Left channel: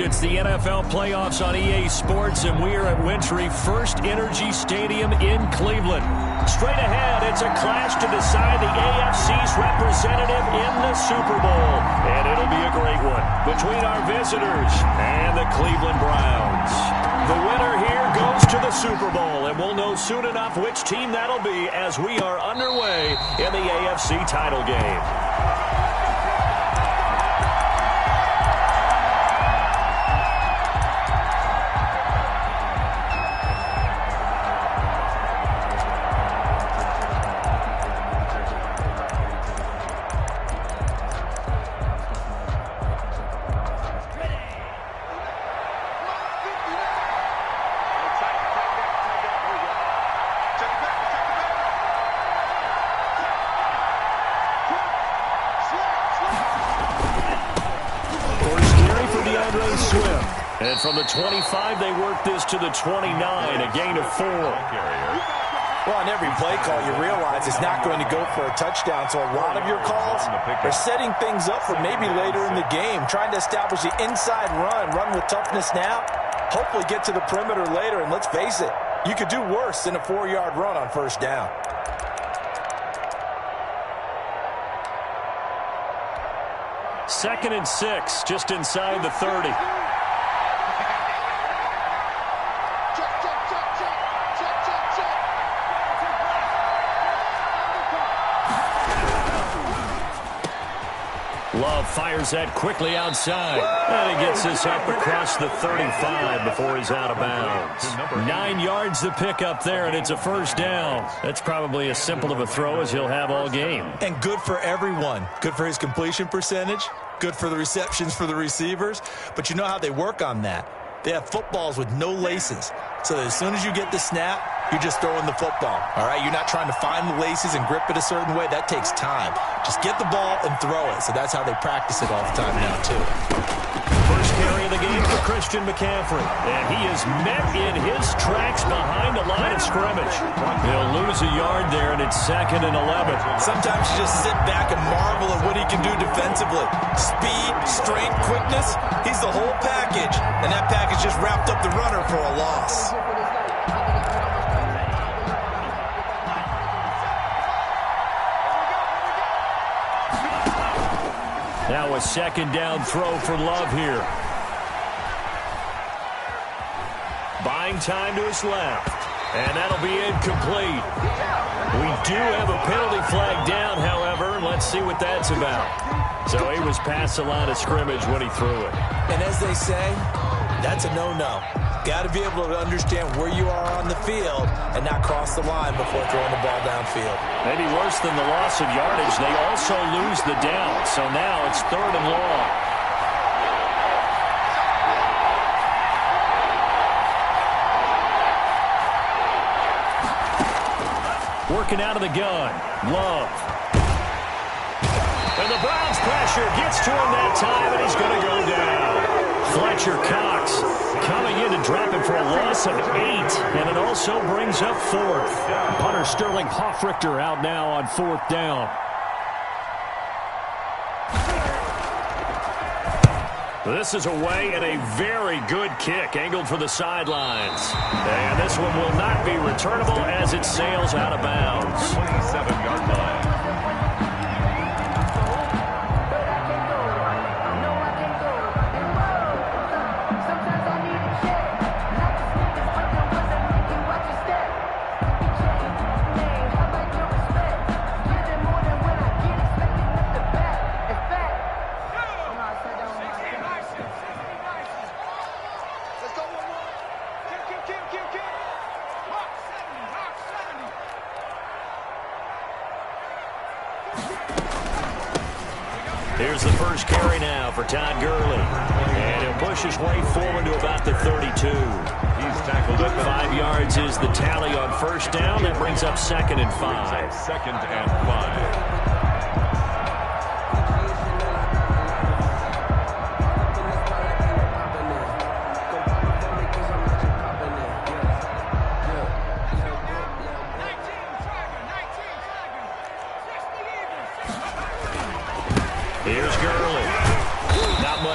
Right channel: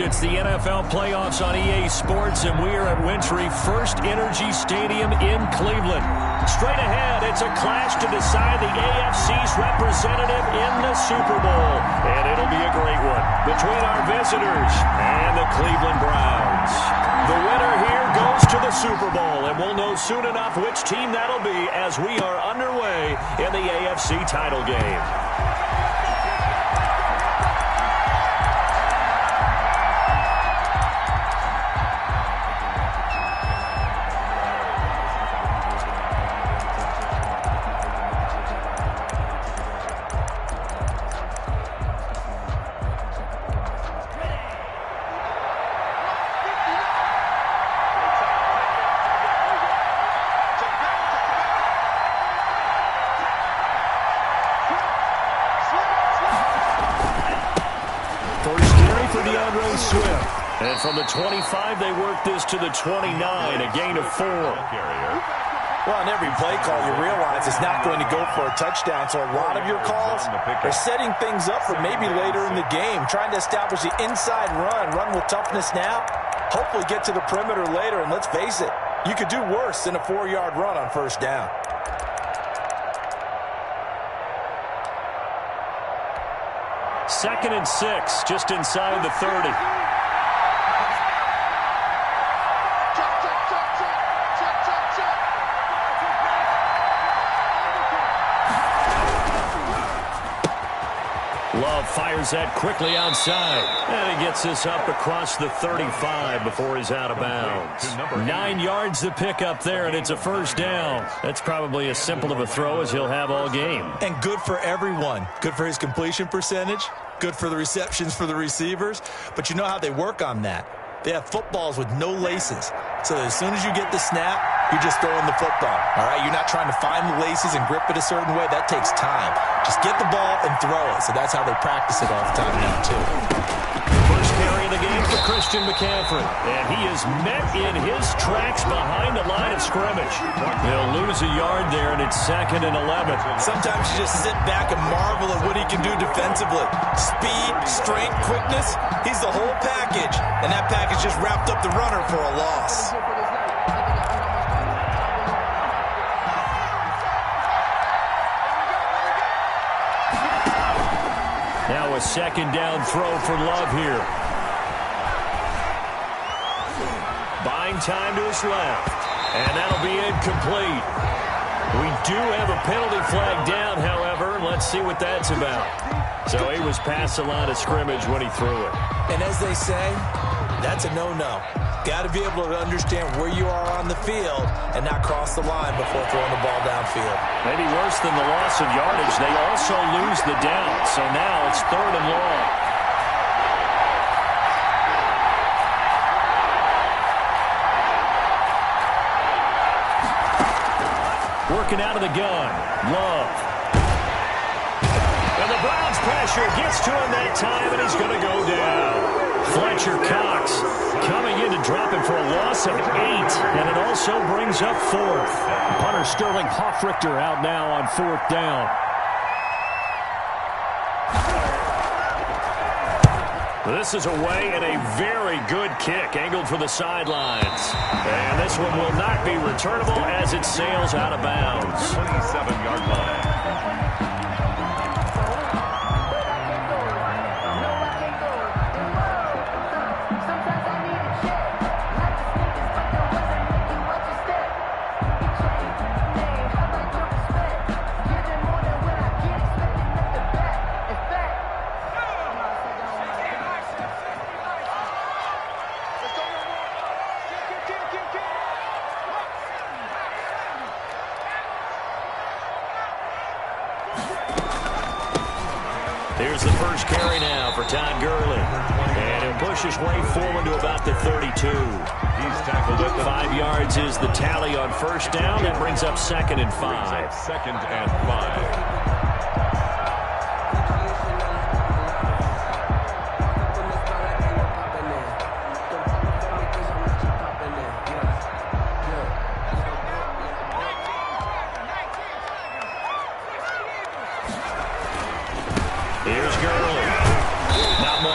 arrived. It's the NFL playoffs on EA Sports, and we are at Wintry First Energy Stadium in Cleveland. Straight ahead, it's a clash to decide the AFC's representative in the Super Bowl. And it'll be a great one between our visitors and the Cleveland Browns. The winner here goes to the Super Bowl, and we'll know soon enough which team that'll be as we are underway in the AFC title game. And from the 25, they work this to the 29, a gain of 4. Well, on every play call, you realize it's not going to go for a touchdown, so a lot of your calls are setting things up for maybe later in the game, trying to establish the inside run with toughness now, hopefully get to the perimeter later, and let's face it, you could do worse than a 4-yard run on first down. Second and 6, just inside the 30. Love fires that quickly outside. And he gets this up across the 35 before he's out of bounds. 9 yards to pick up there, and it's a first down. That's probably as simple of a throw as he'll have all game. And good for everyone. Good for his completion percentage. Good for the receptions for the receivers. But you know how they work on that. They have footballs with no laces. So as soon as you get the snap, you're just throwing the football. All right, you're not trying to find the laces and grip it a certain way. That takes time. Just get the ball and throw it. So that's how they practice it all the time now, too. First carry of the game for Christian McCaffrey. And he is met in his tracks behind the line of scrimmage. They'll lose a yard there, and it's 2nd and 11. Sometimes you just sit back and marvel at what he can do defensively. Speed, strength, quickness. He's the whole package. And that package just wrapped up the runner for a loss. Now a second down throw for Love here. Buying time to his left. And that'll be incomplete. We do have a penalty flag down, however. Let's see what that's about. So he was past the line of scrimmage when he threw it. And as they say, that's a no-no. Got to be able to understand where you are on the field and not cross the line before throwing the ball downfield. Maybe worse than the loss of yardage, they also lose the down. So now it's 3rd and long. Working out of the gun. Love. And the Browns pressure gets to him that time, and he's going to go down. Fletcher Cox coming in to drop him for a loss of 8, and it also brings up 4th. Punter Sterling Hoffrichter out now on 4th down. This is away and a very good kick angled for the sidelines. And this one will not be returnable as it sails out of bounds. 27-yard line. Here's the first carry now for Todd Gurley. And he'll push his way forward to about the 32. He's tackled at 5 yards is the tally on first down. That brings up 2nd and 5. 2nd and 5.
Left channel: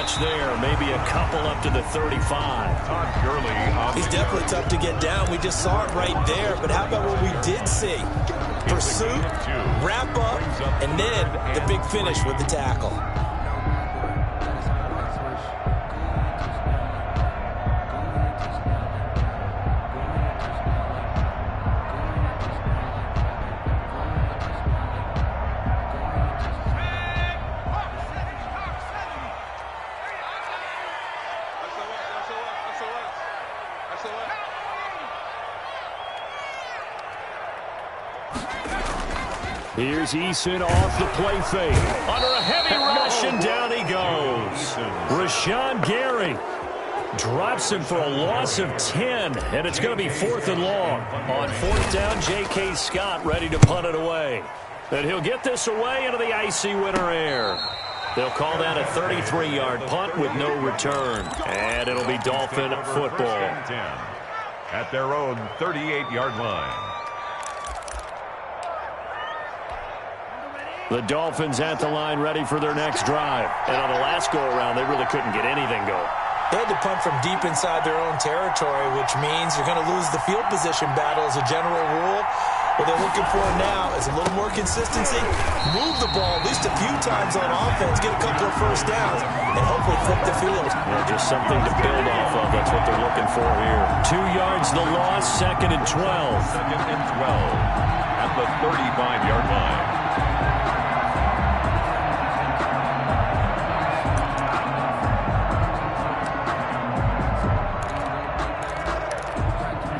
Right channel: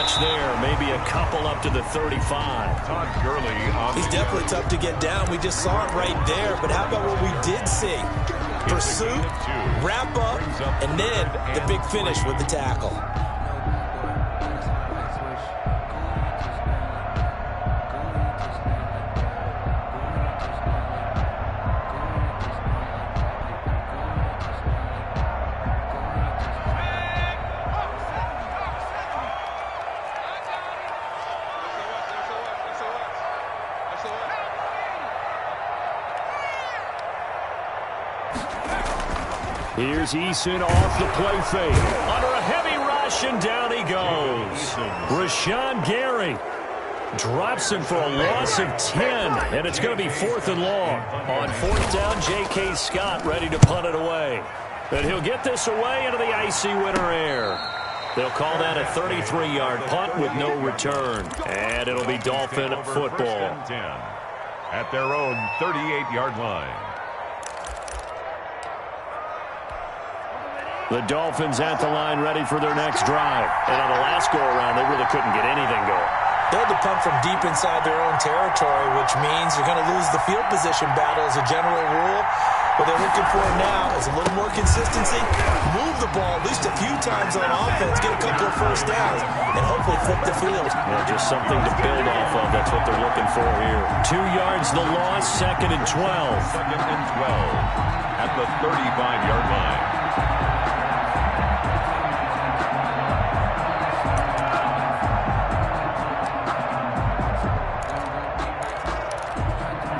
much there. Maybe a couple up to the 35. Todd Gurley on He's definitely tough to get down. We just saw it right there. But how about what we did see? Pursuit, wrap up, and then the big finish with the tackle. Here's Eason off the play fake. Under a heavy rush, and down he goes. Rashawn Gary drops him for a loss of 10, and it's going to be 4th and long. On 4th down, J.K. Scott ready to punt it away. And he'll get this away into the icy winter air. They'll call that a 33-yard punt with no return. And it'll be Dolphin football. At their own 38-yard line. The Dolphins at the line ready for their next drive. And on the last go-around, they really couldn't get anything going. They had to punt from deep inside their own territory, which means you're going to lose the field position battle as a general rule. What they're looking for now is a little more consistency, move the ball at least a few times on offense, get a couple of first downs, and hopefully flip the field. Yeah, just something to build off of. That's what they're looking for here. 2 yards the loss, 2nd and 12. 2nd and 12 at the 35-yard line.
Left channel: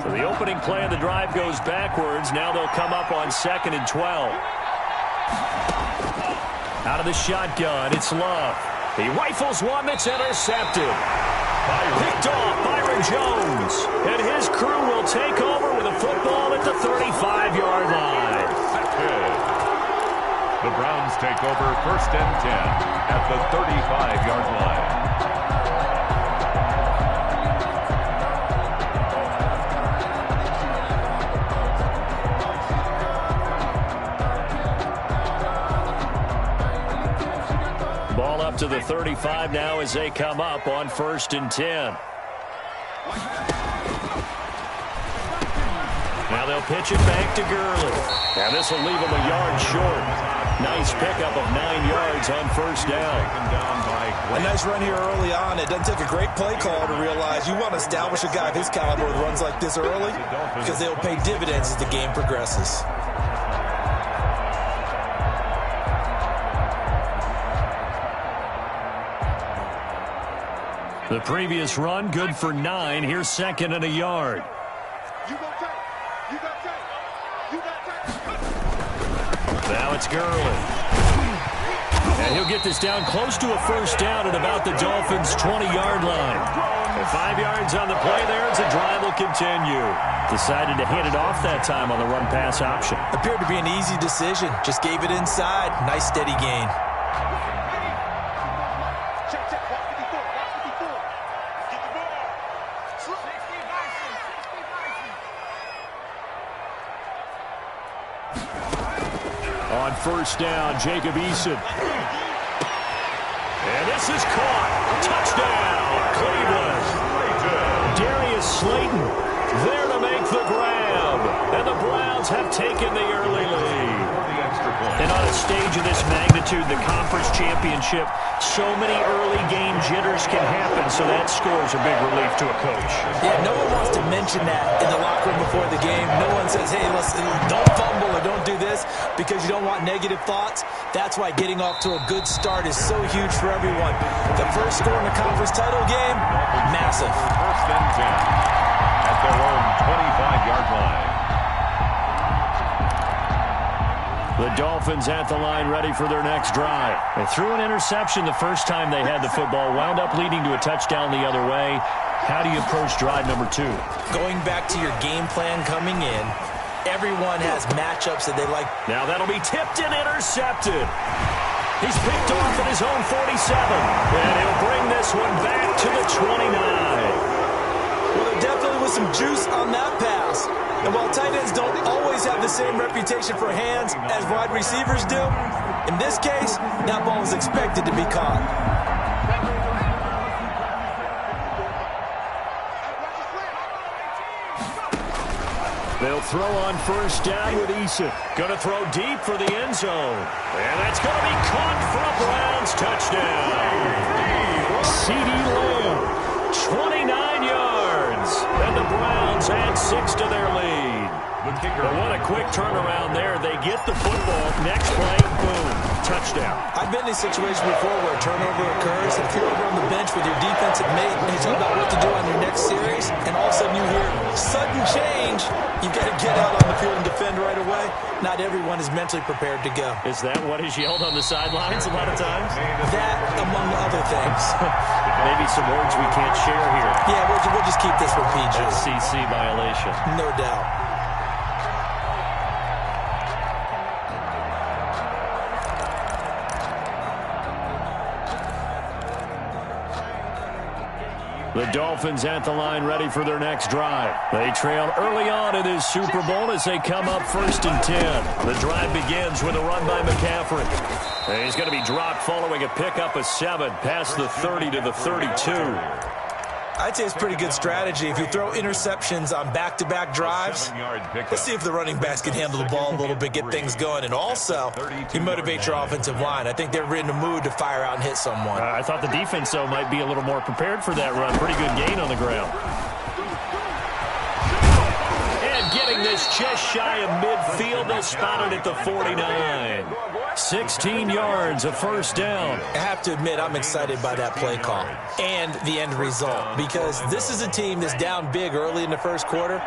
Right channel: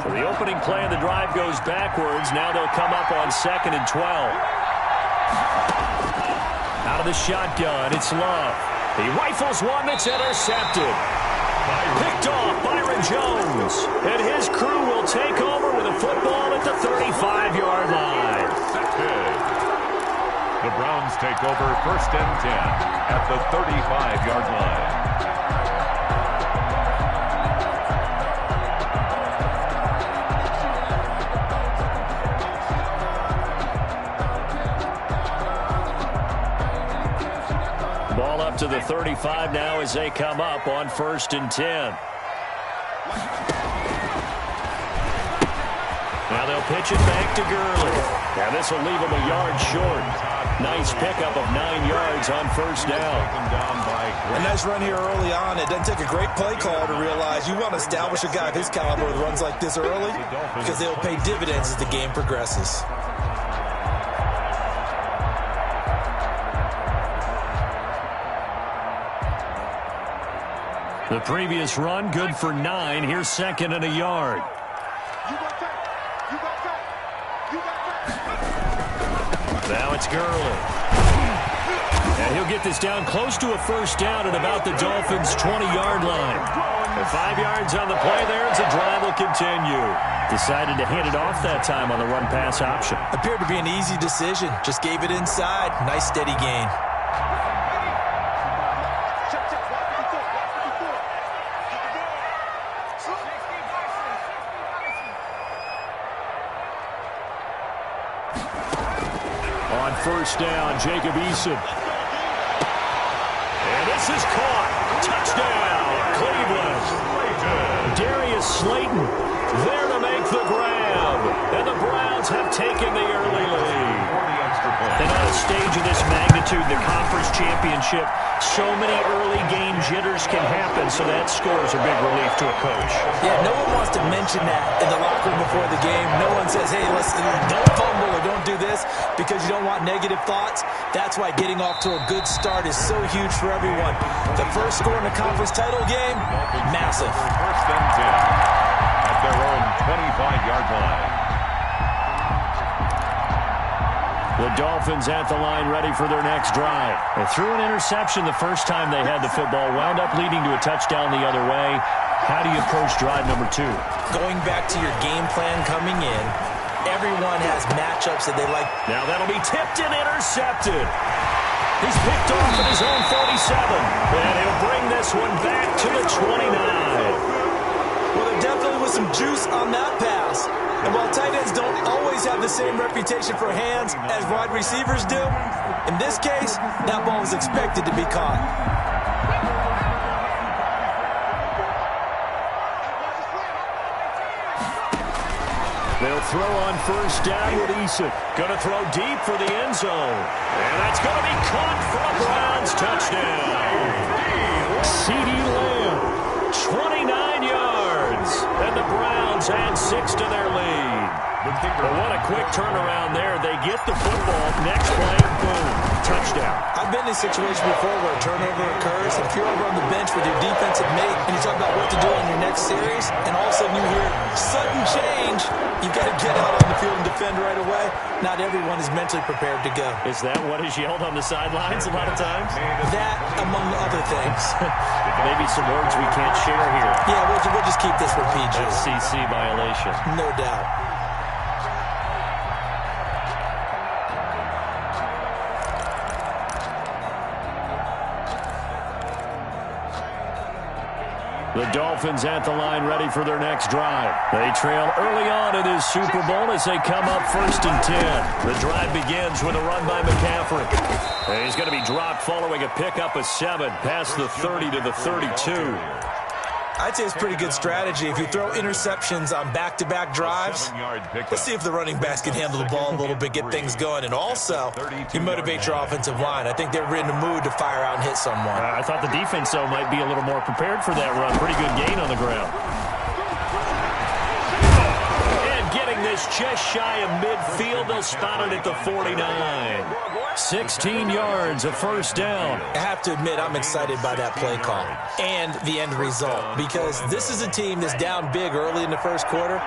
The opening play of the drive goes backwards. Now they'll come up on 2nd and 12. Out of the shotgun, it's Love. He rifles one that's intercepted. Picked off Byron Jones. And his crew will take over with a football at the 35-yard line. The Browns take over 1st and 10 at the 35-yard line. Ball up to the 35 now as they come up on 1st and 10. Now they'll pitch it back to Gurley. Now this will leave him a yard short. Nice pickup of 9 yards on 1st down. A nice run here early on. It doesn't take a great play call to realize you want to establish a guy of his caliber with runs like this early because they'll pay dividends as the game progresses. The previous run, good for 9. Here's 2nd and a yard. Now it's Gurley. And he'll get this down close to a first down at about the Dolphins' 20-yard line. And 5 yards on the play there as the drive will continue. Decided to hand it off that time on the run-pass option. Appeared to be an easy decision. Just gave it inside. Nice steady gain. On 1st down, Jacob Eason. And this is caught. Touchdown, Cleveland. Darius Slayton there to make the grab. And the Browns have taken the early lead. And on a stage of this magnitude, the conference championship, so many early game jitters can happen, so that scores a big relief to a coach. Yeah, no one wants to mention that in the locker room before the game. No one says, hey, listen, don't fumble or don't do this because you don't want negative thoughts. That's why getting off to a good start is so huge for everyone. The first score in the conference title game, massive. 1st and 10 at their own 25-yard line. The Dolphins at the line ready for their next drive. They threw an interception the first time they had the football, wound up leading to a touchdown the other way. How do you approach drive number 2? Going back to your game plan coming in, everyone has matchups that they like. Now that'll be tipped and intercepted. He's picked off at his own 47. And he'll bring this one back to the 29. Well, there definitely was some juice on that pass. And while tight ends don't always have the same reputation for hands as wide receivers do, in this case, that ball was expected to be caught. They'll throw on first down with Eason. Going to throw deep for the end zone. And that's going to be caught for a Browns touchdown. CeeDee Lamb, 29 yards. And the Browns add 6 to their lead. But what a quick turnaround there. They get the football. Next play, boom, touchdown. I've been in a situation before where a turnover occurs. If you're over on the bench with your defensive mate and you talk about what to do on your next series, and all of a sudden you hear sudden change, you've got to get out on the field and defend right away. Not everyone is mentally prepared to go. Is that what is yelled on the sidelines a lot of times? That, among other things. Maybe some words we can't share here. Yeah, we'll just keep this with PG. FCC violation. No doubt. The Dolphins at the line ready for their next drive. They trail early on in this Super Bowl as they come up 1st and 10. The drive begins with a run by McCaffrey. And he's going to be dropped following a pickup of 7 past the 30 to the 32. I'd say it's pretty good strategy. If you throw interceptions on back-to-back drives, let's see if the running backs can handle the ball a little bit, get things going, and also you motivate your offensive line. I think they're in the mood to fire out and hit someone. I thought the defense, though, might be a little more prepared for that run. Pretty good gain on the ground. And getting this just shy of midfield, they'll spot it at the 49. 16 yards, a first down. I have to admit, I'm excited by that play call and the end result, because this is a team that's down big early in the first quarter,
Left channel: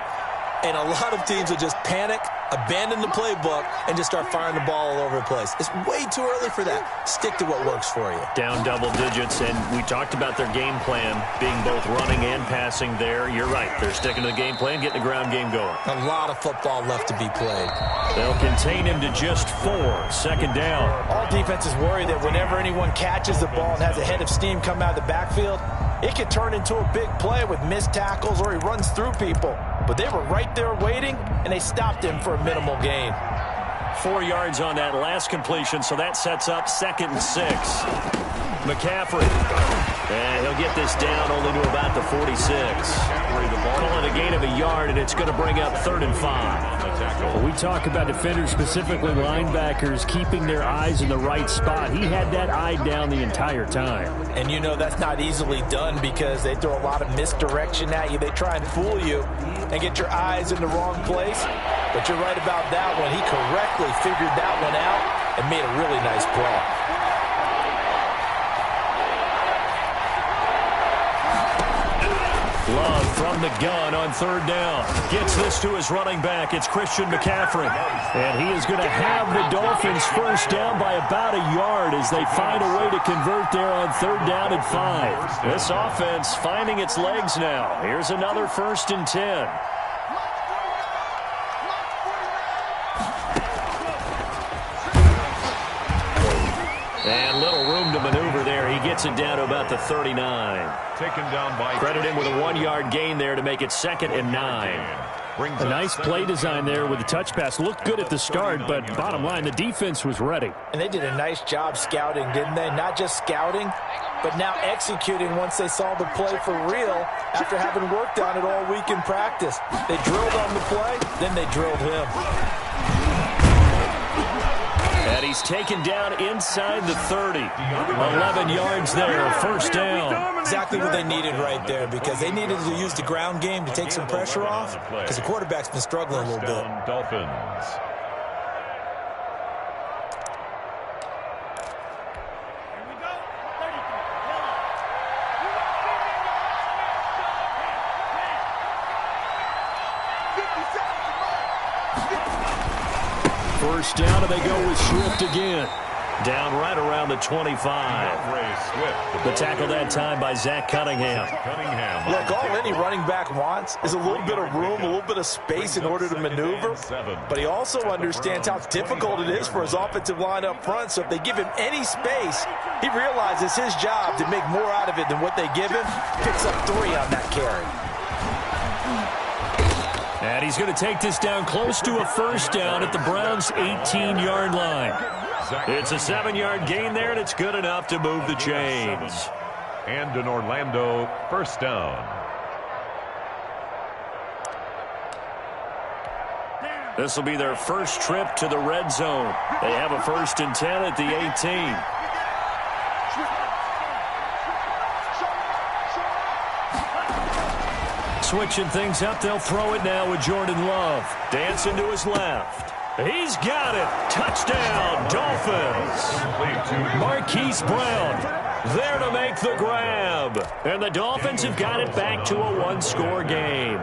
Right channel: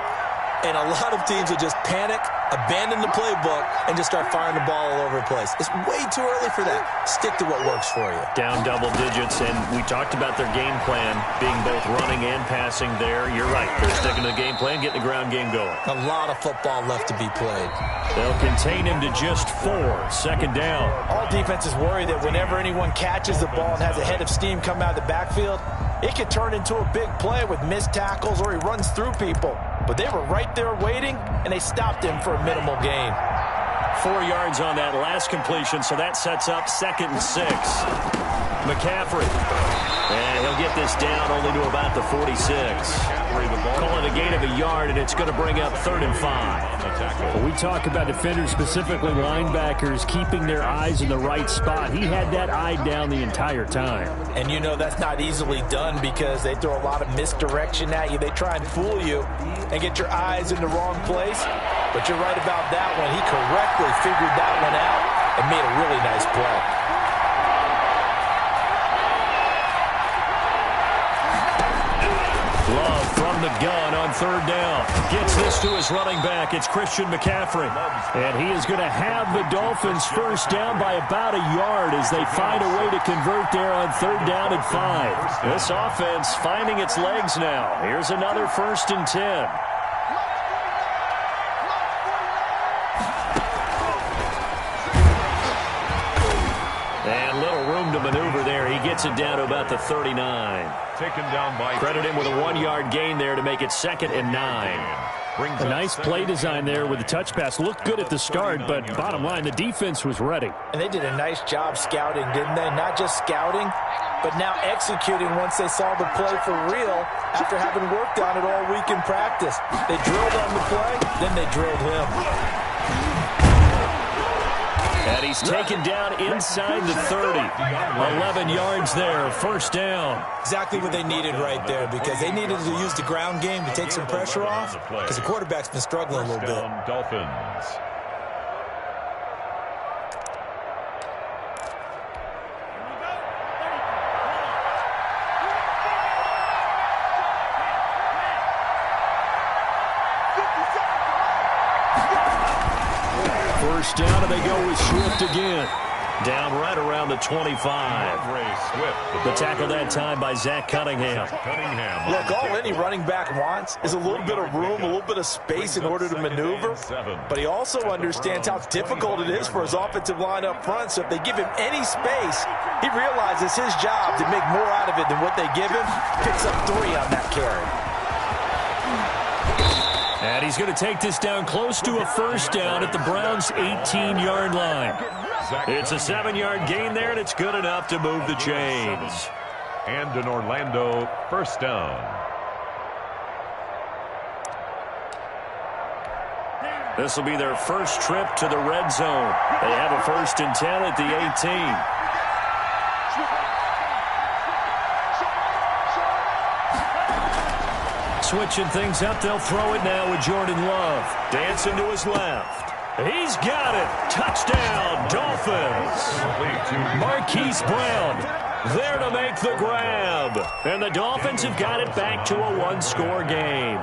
and a lot of teams will just panic, abandon the playbook, and just start firing the ball all over the place. It's way too early for that. Stick to what works for you. Down double digits, and we talked about their game plan being both running and passing there. You're right. They're sticking to the game plan, getting the ground game going. A lot of football left to be played. They'll contain him to just 4. Second down. All defenses worry that whenever anyone catches the ball and has a head of steam come out of the backfield, it could turn into a big play with missed tackles or he runs through people. But they were right there waiting, and they stopped him for a minimal gain. 4 yards on that last completion, so that sets up 2nd and 6. McCaffrey. And he'll get this down only to about the 46. Calling a gain of a yard, and it's going to bring up 3rd and 5. Well, we talk about defenders, specifically linebackers, keeping their eyes in the right spot. He had that eye down the entire time. And you know that's not easily done because they throw a lot of misdirection at you. They try and fool you and get your eyes in the wrong place. But you're right about that one. He correctly figured that one out and made a really nice play. Love from the gun on 3rd down. Gets this to his running back. It's Christian McCaffrey. And he is going to have the Dolphins first down by about a yard as they find a way to convert there on 3rd down and 5. This offense finding its legs now. Here's another 1st and 10. And little room to maneuver there. He gets it down to about the 39. Taken down by Credit him with a 1-yard gain there to make it 2nd and 9. A nice play design there with the touch pass. Looked good at the start, but bottom line, the defense was ready. And they did a nice job scouting, didn't they? Not just scouting, but now executing once they saw the play for real after having worked on it all week in practice. They drilled on the play, then they drilled him. And he's taken down inside the 30. 11 yards there, first down. Exactly what they needed right there, because they needed to use the ground game to take some pressure off, because the quarterback's been struggling a little bit. Dolphins. First down, and they go with Swift again. Down right around the 25. The tackle that time by Zach Cunningham. Look, all any running back wants is a little bit of room, a little bit of space in order to maneuver. But he also understands how difficult it is for his offensive line up front. So if they give him any space, he realizes his job to make more out of it than what they give him. Picks up 3 on that carry. And he's going to take this down close to a first down at the Browns' 18-yard line. It's a 7-yard gain there, and it's good enough to move the chains. And an Orlando first down. This will be their first trip to the red zone. They have a 1st and 10 at the 18. Switching things up, they'll throw it now with Jordan Love. Dancing to his left. He's got it. Touchdown, Dolphins. Marquise Brown there to make the grab. And the Dolphins have got it back to a one-score game.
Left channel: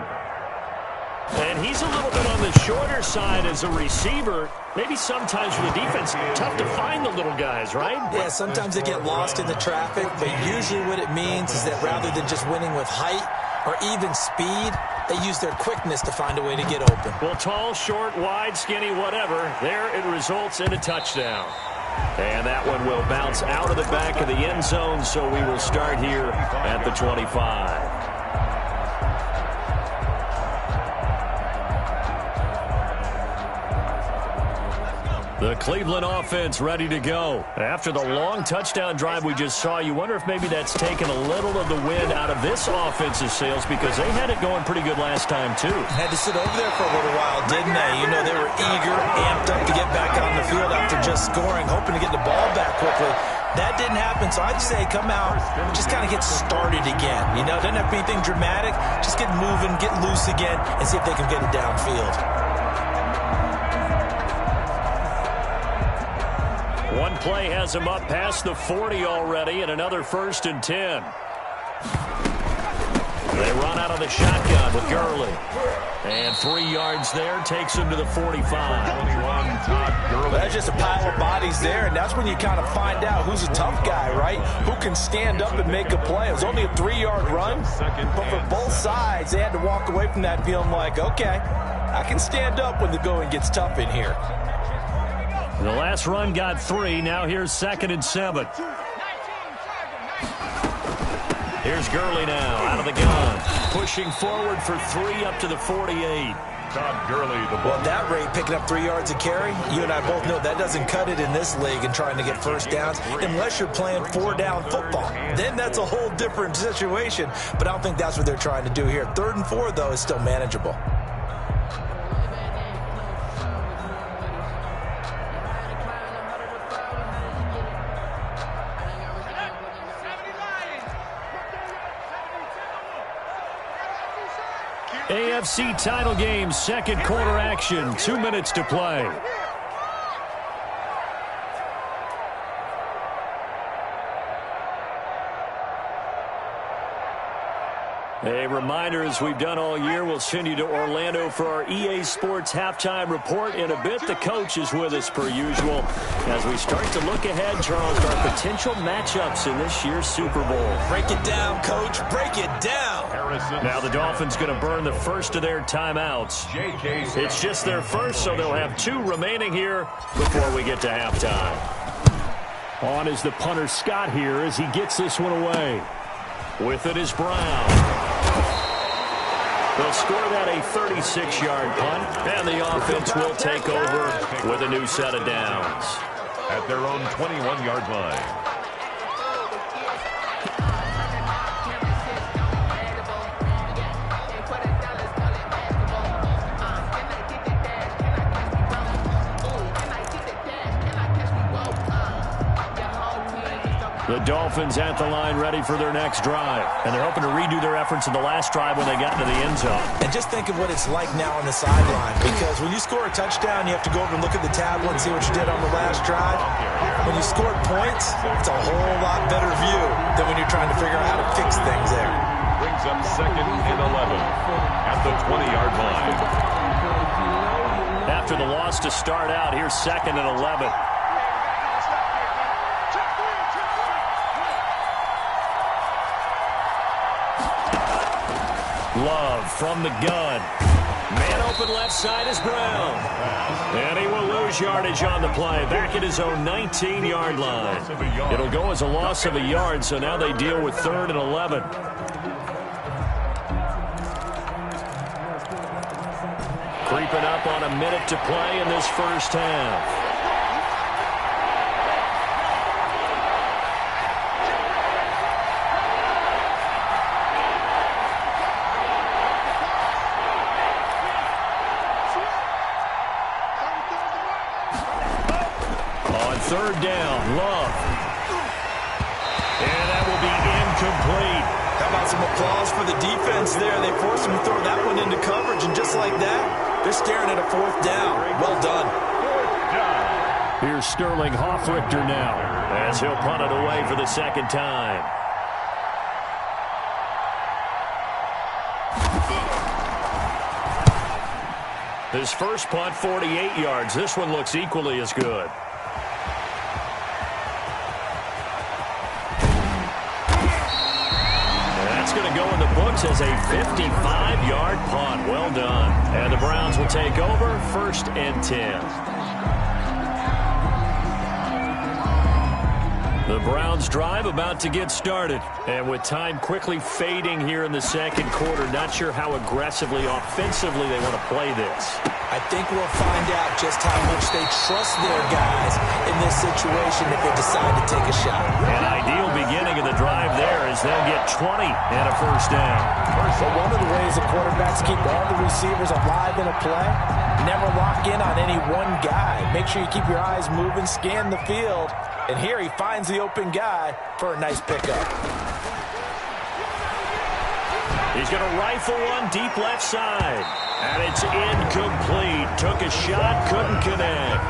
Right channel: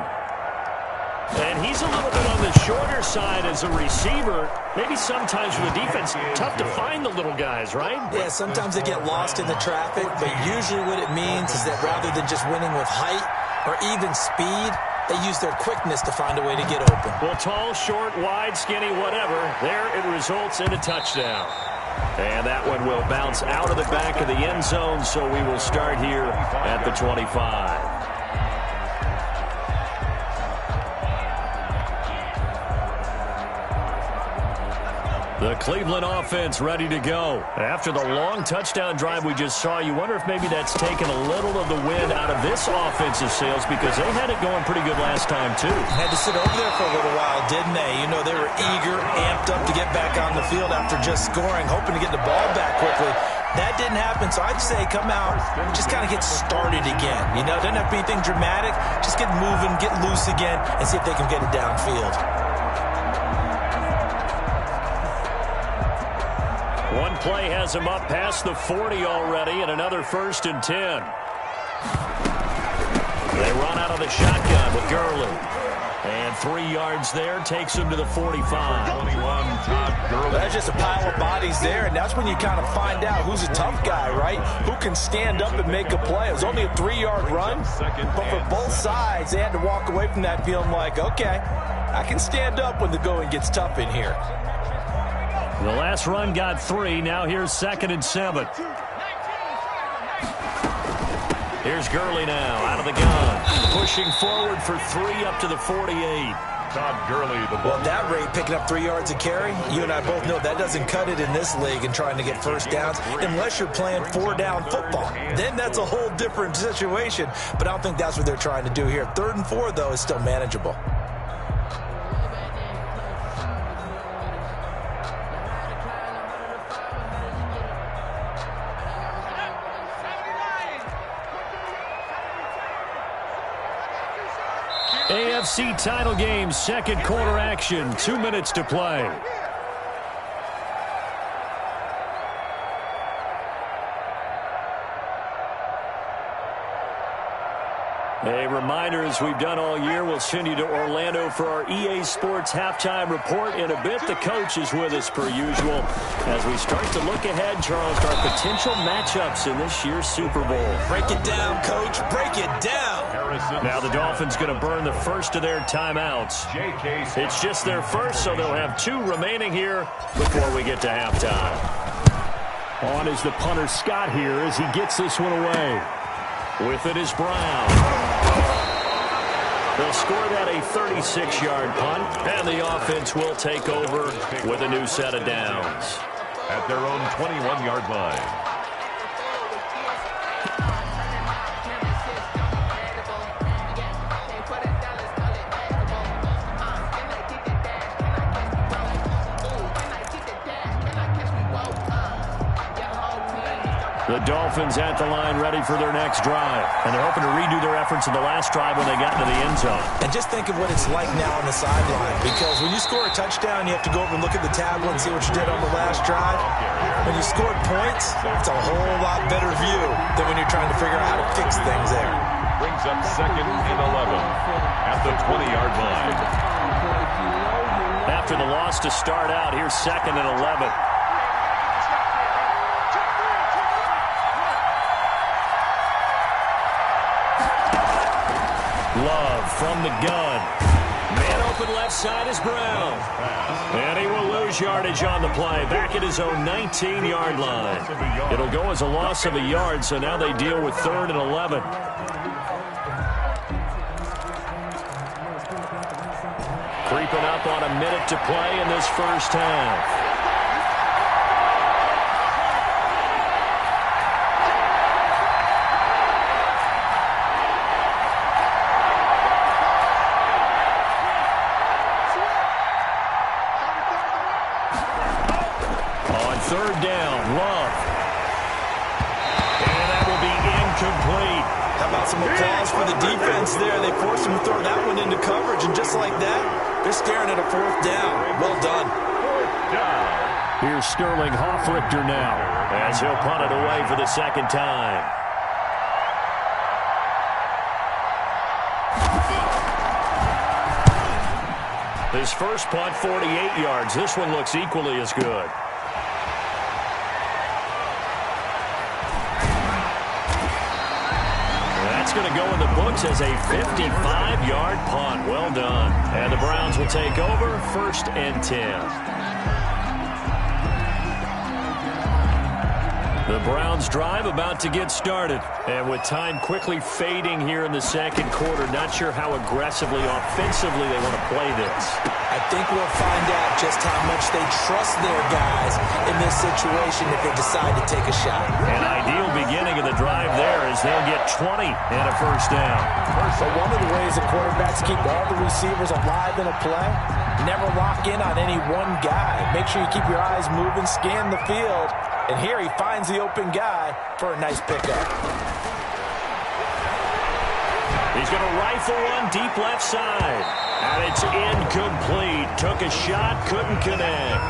And he's a little bit on the shorter side as a receiver. Maybe sometimes for the defense, tough to find the little guys, right? Yeah, sometimes they get lost in the traffic, but usually what it means is that rather than just winning with height or even speed, they use their quickness to find a way to get open. Well, tall, short, wide, skinny, whatever, there it results in a touchdown. And that one will bounce out of the back of the end zone, so we will start here at the 25. The Cleveland offense ready to go. After the long touchdown drive we just saw, you wonder if maybe that's taken a little of the wind out of this offensive sails because they had it going pretty good last time, too. Had to sit over there for a little while, didn't they? You know, they were eager, amped up to get back on the field after just scoring, hoping to get the ball back quickly. That didn't happen, so I'd say come out, just kind of get started again. You know, doesn't have to be anything dramatic. Just get moving, get loose again, and see if they can get it downfield. One play has him up past the 40 already, and another 1st and 10. They run out of the shotgun with Gurley. And 3 yards there takes him to the 45. 21, Todd Gurley. That's just a pile of bodies there, and that's when you kind of find out who's a tough guy, right? Who can stand up and make a play. It was only a 3-yard run, but for both sides, they had to walk away from that feeling like, okay, I can stand up when the going gets tough in here. The last run got 3. Now here's 2nd and 7. Here's Gurley now out of the gun. Pushing forward for 3 up to the 48. Todd Gurley, the ball. Well, at that rate, picking up 3 yards a carry, you and I both know that doesn't cut it in this league and trying to get first downs unless you're playing 4-down football. Then that's a whole different situation, but I don't think that's what they're trying to do here. 3rd and 4, though, is still manageable. AFC title game, 2nd quarter action, 2 minutes to play. A reminder, as we've done all year, we'll send you to Orlando for our EA Sports halftime report in a bit. The coach is with us per usual as we start to look ahead, Charles, to our potential matchups in this year's Super Bowl. Break it down, Coach. Break it down. Now the Dolphins going to burn the first of their timeouts. It's just their first, so they'll have 2 remaining here before we get to halftime. On is the punter Scott here as he gets this one away. With it is Brown. They'll score that a 36-yard punt, and the offense will take over with a new set of downs. At their own 21-yard line. The Dolphins at the line ready for their next drive. And they're hoping to redo their efforts in the last drive when they got into the end zone. And just think of what it's like now on the sideline. Because when you score a touchdown, you have to go over and look at the tablet and see what you did on the last drive. When you scored points, it's a whole lot better view than when you're trying to figure out how to fix things there. Brings up 2nd and 11 at the 20-yard line. After the loss to start out, here's 2nd and 11. Love from the gun. Man open left side is Brown. And he will lose yardage on the play. Back at his own 19-yard line. It'll go as a loss of a yard, so now they deal with 3rd and 11. Creeping up on a minute to play in this first half. on third down. Love. And that will be incomplete. How about some applause for the defense there? They forced him to throw that one into coverage, and just like that, they're staring at a fourth down. Well done. Fourth down. Here's Sterling Hoffrichter now, as he'll punt it away for the second time. His first punt, 48 yards. This one looks equally as good. That's going to go in the books as a 55-yard punt. Well done. And the Browns will take over 1st and 10. The Browns drive about to get started. And with time quickly fading here in the second quarter, not sure how aggressively, offensively they want to play this. I think we'll find out just how much they trust their guys in this situation if they decide to take a shot. An ideal beginning of the drive there is they'll get 20 and a first down. So one of the ways the quarterbacks keep all the receivers alive in a play, never lock in on any one guy. Make sure you keep your eyes moving, scan the field. And here he finds the open guy for a nice pickup. He's going to rifle one deep left side. And it's incomplete. Took a shot, couldn't connect.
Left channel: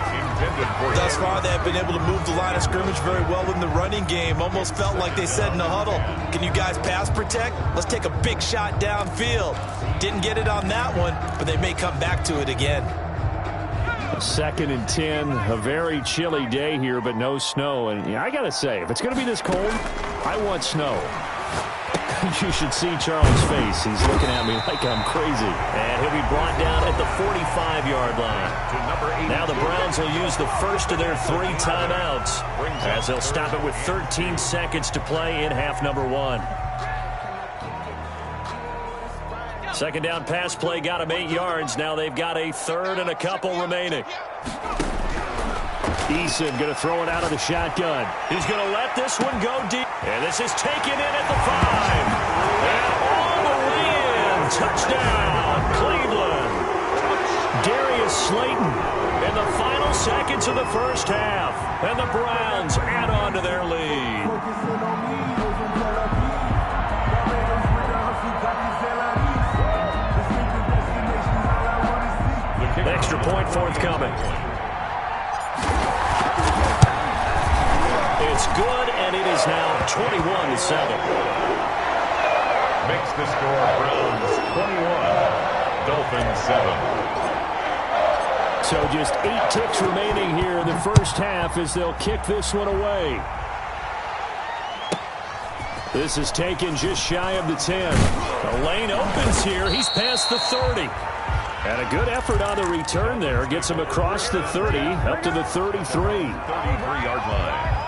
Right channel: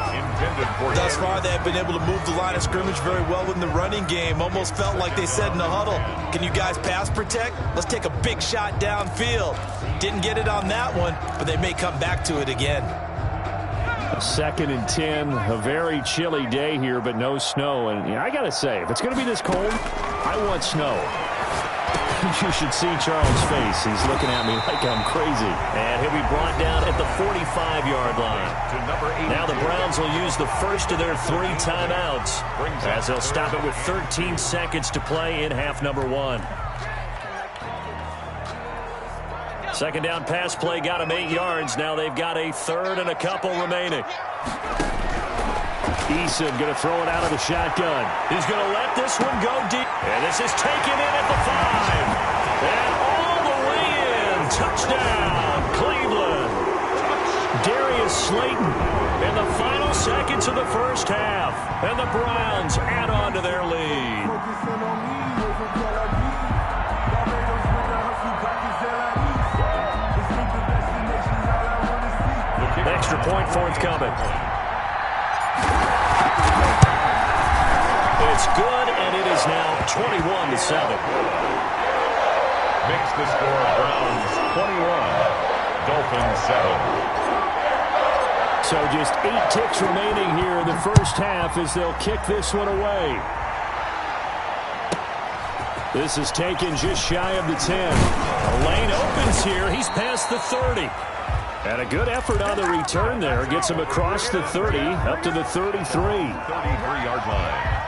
Thus far, they've been able to move the line of scrimmage very well in the running game. Almost felt like they said in the huddle, can you guys pass protect? Let's take a big shot downfield. Didn't get it on that one, but they may come back to it again. 2nd and 10, a very chilly day here, but no snow. And I got to say, if it's going to be this cold, I want snow. You should see Charles' face. He's looking at me like I'm crazy. And he'll be brought down at the 45-yard line. Now the Browns will use the first of their 3 timeouts as they'll stop it with 13 seconds to play in half number 1. Second down pass play got him 8 yards. Now they've got a 3rd and a couple remaining. Eason going to throw it out of the shotgun. He's going to let this one go deep. And this is taken in at the 5. And all the way in. Touchdown, Cleveland. Darius Slayton in the final seconds of the first half. And the Browns add on to their lead. Extra point forthcoming. It's good, and it is now 21-7. Makes the score Browns 21, Dolphins 7. So just 8 ticks remaining here in the first half as they'll kick this one away. This is taken just shy of the 10. The lane opens here. He's past the 30. And a good effort on the return there. Gets him across the 30, up to the 33. 33-yard line.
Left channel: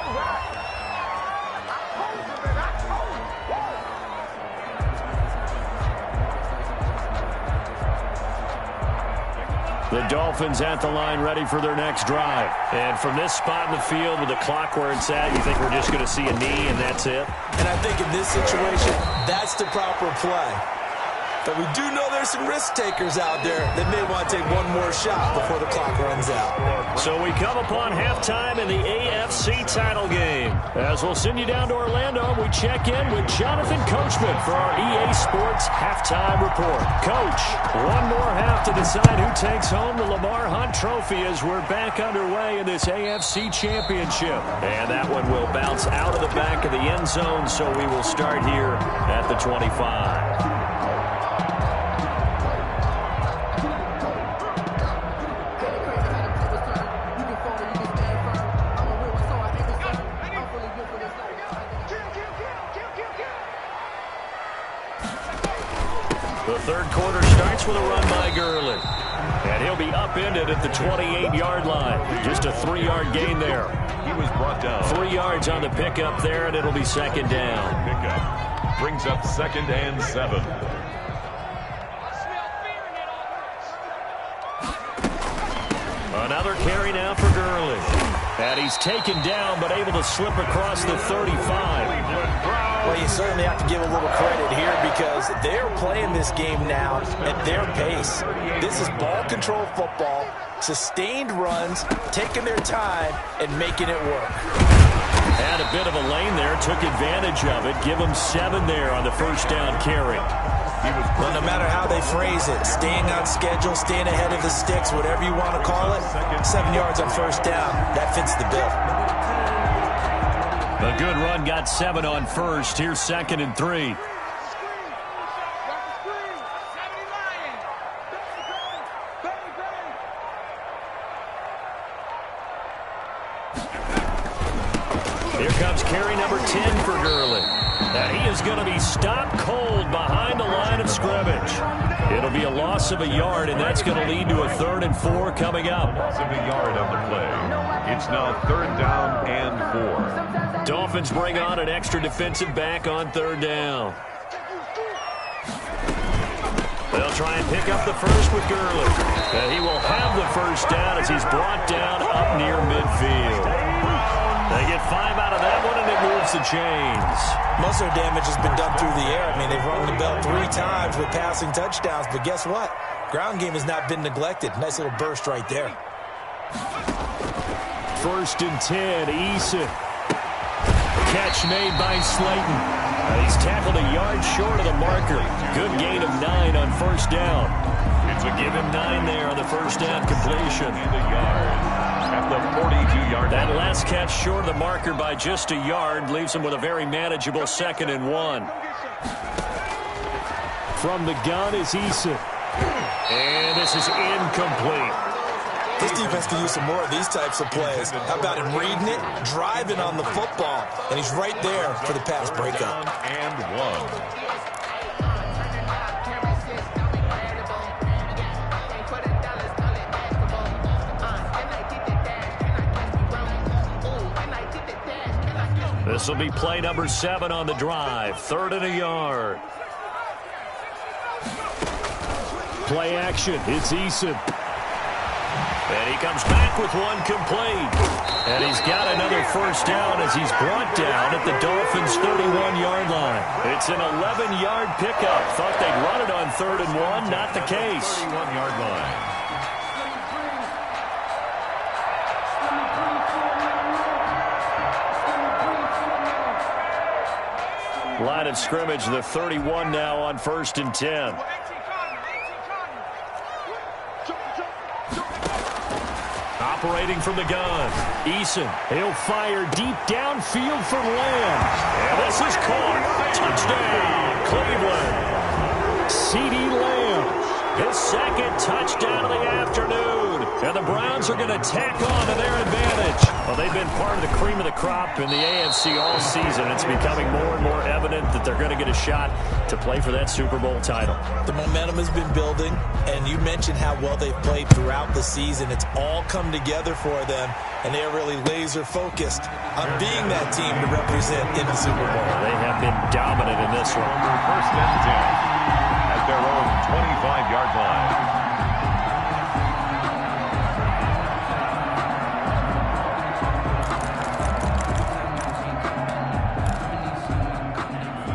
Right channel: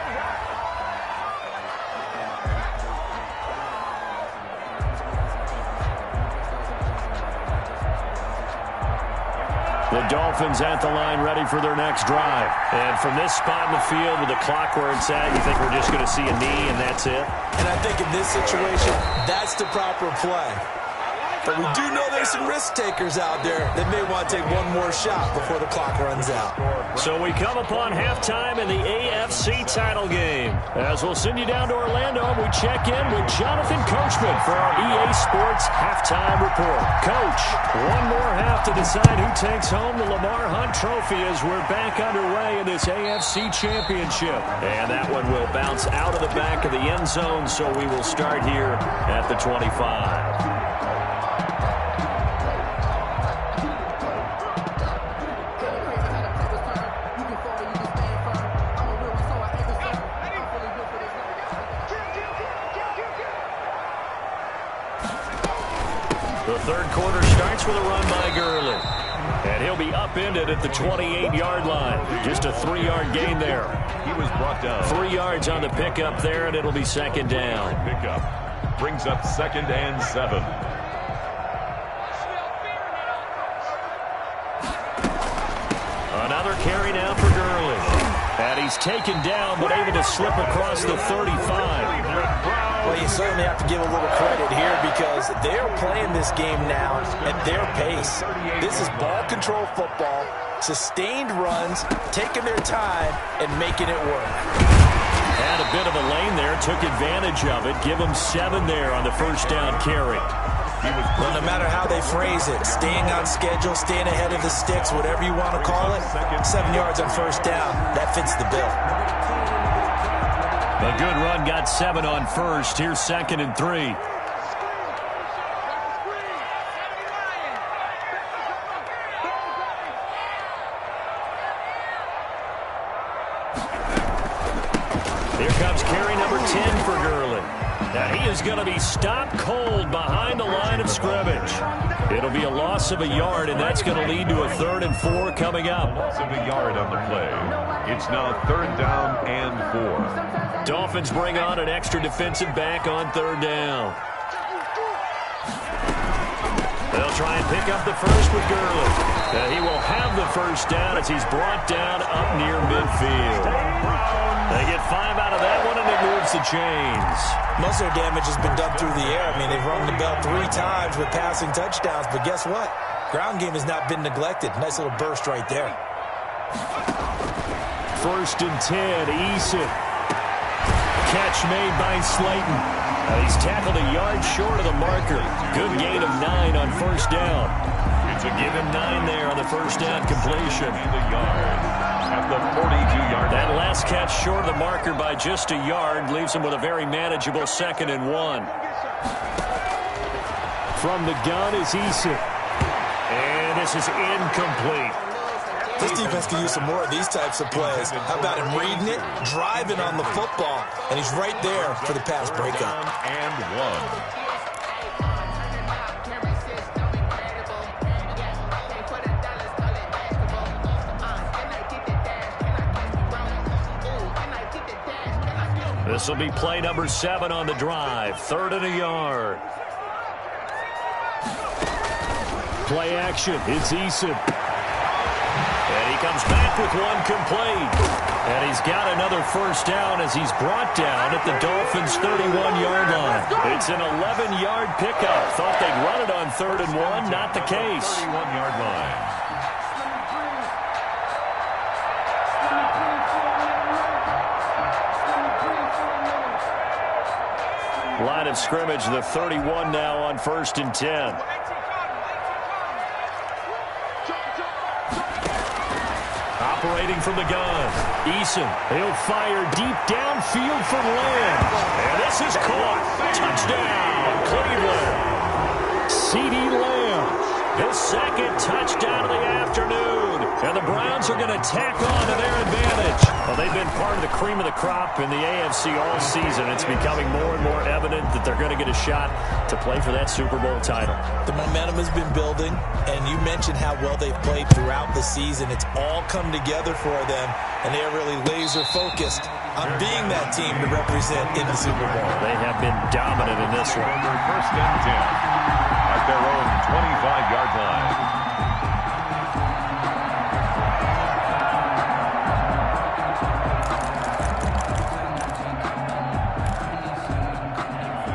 The Dolphins at the line ready for their next drive. And from this spot in the field with the clock where it's at, you think we're just going to see a knee and that's it? And I think in this situation, that's the proper play. But we do know there's some risk takers out there that may want to take one more shot before the clock runs out. So we come upon halftime in the AFC title game. As we'll send you down to Orlando, we check in with Jonathan Coachman for our EA Sports halftime report. Coach, one more half to decide who takes home the Lamar Hunt Trophy as we're back underway in this AFC Championship. And that one will bounce out of the back of the end zone, so we will start here at the 25. The third quarter starts with a run by Gurley. And he'll be upended at the 28-yard line. Just a 3-yard gain there. He was brought down. 3 yards on the pickup there, and it'll be second down. Pickup brings up 2nd and 7. Another carry now for Gurley. And he's taken down, but able to slip across the 35. Well, you certainly have to give a little credit here because they're playing this game now at their pace. This is ball control football, sustained runs, taking their time, and making it work. Had a bit of a lane there, took advantage of it. Give them 7 there on the first down carry. Well, no matter how they phrase it, staying on schedule, staying ahead of the sticks, whatever you want to call it, 7 yards on first down, that fits the bill. A good run got 7 on first. Here's 2nd and 3. Here comes carry number 10 for Gurley. And he is going to be stopped cold behind the line of scrimmage. It'll be a loss of a yard, and that's going to lead to a 3rd and 4 coming up. Loss of a yard on the play. It's now 3rd down and 4. Dolphins bring on an extra defensive back on 3rd down. They'll try and pick up the first with Gurley. And he will have the first down as he's brought down up near midfield. They get 5 out of that one, and it moves the chains. Most of their damage has been done through the air. I mean, they've rung the bell 3 times with passing touchdowns, but guess what? Ground game has not been neglected. Nice little burst right there. 1st and 10, Eason. Catch made by Slayton. He's tackled a yard short of the marker. Good gain of 9 on first down. Give him 9 there on the first down completion. And a yard at the 42-yard line. That last catch short of the marker by just a yard leaves him with a very manageable 2nd and 1. From the gun is Eason. And this is incomplete. This defense can use some more of these types of plays. How about him reading it, driving on the football, and he's right there for the pass breakup. And 1. This will be play number 7 on the drive. 3rd and a yard. Play action. It's Eason. And he comes back with one complete. And he's got another first down as he's brought down at the Dolphins' 31-yard line. It's an 11-yard pickup. Thought they'd run it on 3rd and 1. Not the case. 31-yard line. Line of scrimmage, the 31 now on 1st and 10. Operating from the gun, Eason. He'll fire deep downfield for Lamb. And this is caught. Touchdown, Cleveland. CeeDee Lamb, his 2nd touchdown of the afternoon. And the Browns are going to tack on to their advantage. Well, they've been part of the cream of the crop in the AFC all season. It's becoming more and more evident that they're going to get a shot to play for that Super Bowl title. The momentum has been building, and you mentioned how well they've played throughout the season. It's all come together for them, and they are really laser-focused on being that team to represent in the Super Bowl. They have been dominant in this one. 1st and 10 at their own 25-yard line.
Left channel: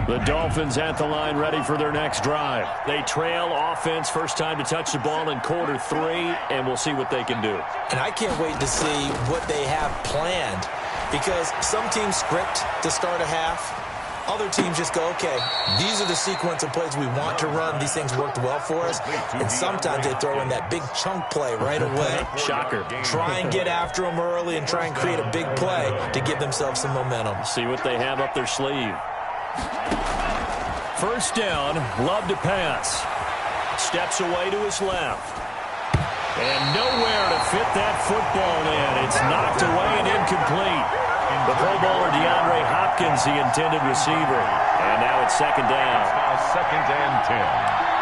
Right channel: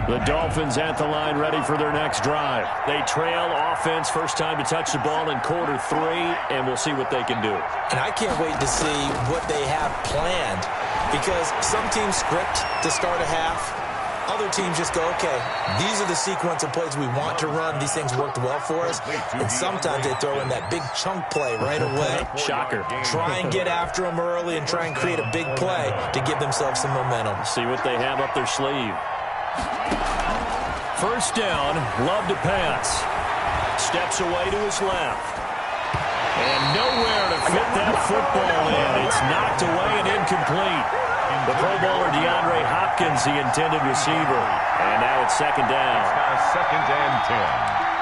The Dolphins at the line ready for their next drive. They trail offense, first time to touch the ball in quarter 3, and we'll see what they can do. And I can't wait to see what they have planned because some teams script to start a half. Other teams just go, okay, these are the sequence of plays we want to run. These things worked well for us. And sometimes they throw in that big chunk play right away. Shocker. Try and get after them early and try and create a big play to give themselves some momentum. See what they have up their sleeve. First down, Love to pass. Steps away to his left. And nowhere to fit that football in. It's knocked away and incomplete. The Pro Bowler DeAndre Hopkins, the intended receiver. And now it's 2nd down. It's now 2nd and 10.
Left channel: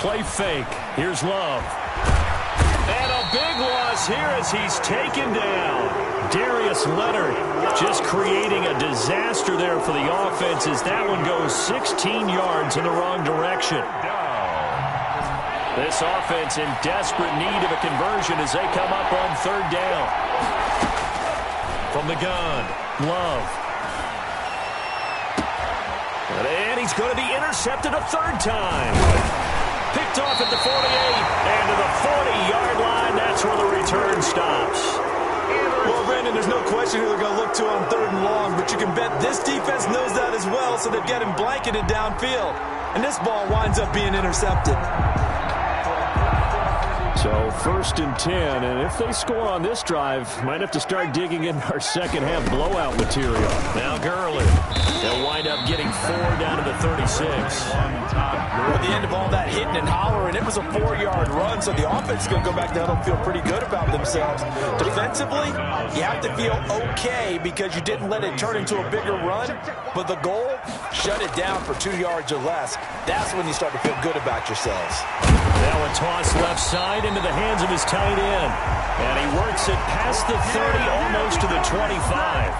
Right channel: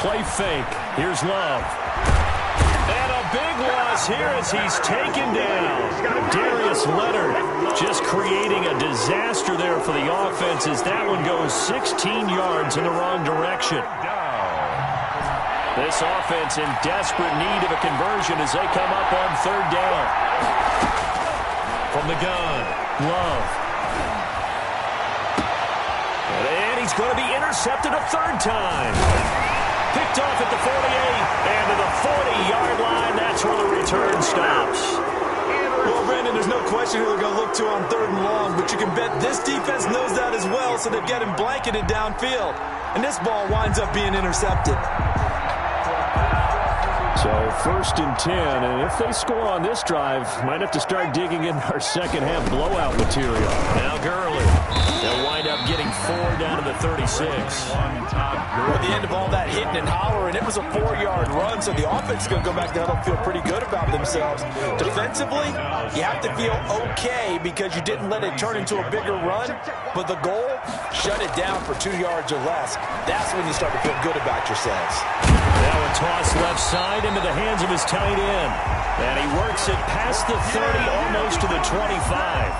Play fake. Here's Love. And a big loss here as he's taken down. Darius Leonard just creating a disaster. disaster there for the offense as that one goes 16 yards in the wrong direction. This offense in desperate need of a conversion as they come up on third down. From the gun, Love. And he's going to be intercepted a third time. Picked off at the 48 and to the 40-yard line. That's where the return stops. Well, Brandon, there's no question who they're going to look to on third and long, but you can bet this defense knows that as well, so they've got him blanketed downfield. And this ball winds up being intercepted. So 1st and 10, and if they score on this drive, might have to start digging in our second half blowout material. Now Gurley. They'll wind up getting 4 down to the 36. At the end of all that hitting and hollering, it was a 4-yard run, so the offense is going to go back down and feel pretty good about themselves. Defensively, you have to feel okay because you didn't let it turn into a bigger run, but the goal, shut it down for 2 yards or less. That's when you start to feel good about yourselves. Now a toss left side into the hands of his tight end. And he works it past the 30, almost to the 25.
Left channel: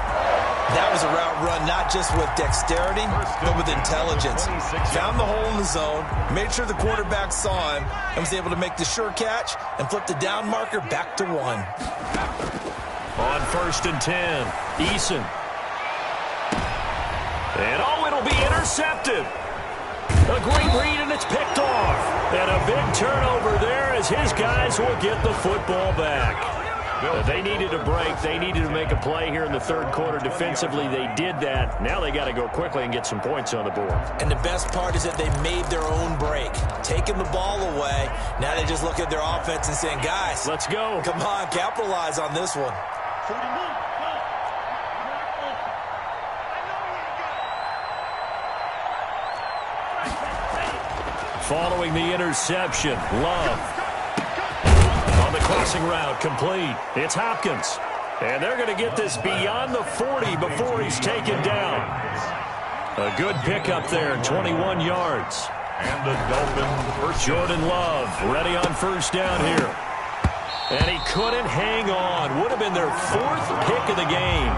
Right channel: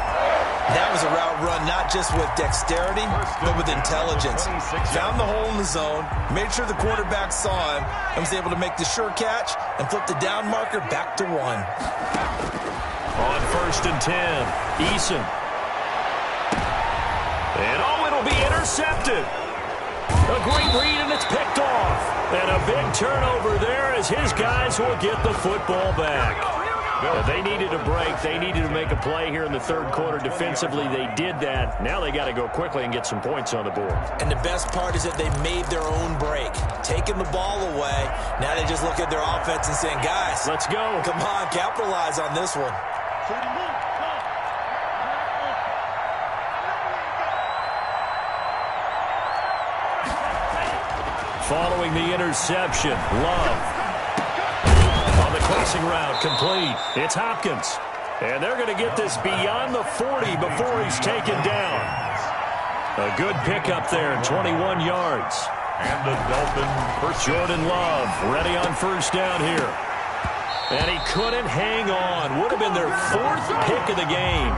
That was a route run not just with dexterity, but with intelligence. Found the hole in the zone, made sure the quarterback saw him, and was able to make the sure catch and flip the down marker back to 1. On 1st and 10, Eason. And it'll be intercepted. A great read, and it's picked off. And a big turnover there as his guys will get the football back. They needed a break. They needed to make a play here in the third quarter defensively. They did that. Now they got to go quickly and get some points on the board. And the best part is that they made their own break. Taking the ball away. Now they just look at their offense and saying, guys, let's go. Come on, capitalize on this one. Following the interception, Love. On the crossing route, complete. It's Hopkins. And they're going to get this beyond the 40 before he's taken down. A good pickup there, 21 yards. And the Dolphins first. Jordan Love ready on first down here. And he couldn't hang on. Would have been their 4th pick of the game.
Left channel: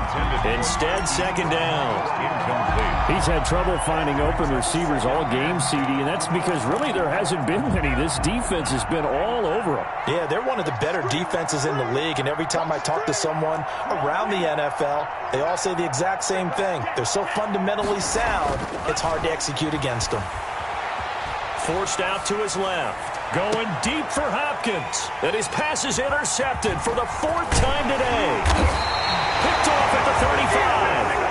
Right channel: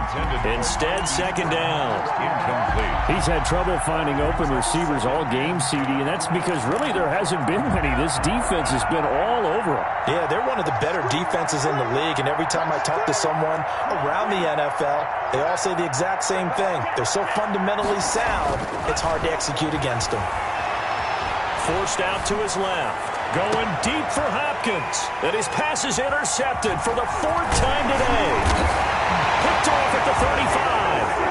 Instead, second down. Incomplete. He's had trouble finding open receivers all game, CD, and that's because really there hasn't been many. This defense has been all over them. Yeah, they're one of the better defenses in the league, and every time I talk to someone around the NFL, they all say the exact same thing. They're so fundamentally sound, it's hard to execute against them. Forced out to his left. Going deep for Hopkins. And his pass is intercepted for the 4th time today. Picked off at the 35.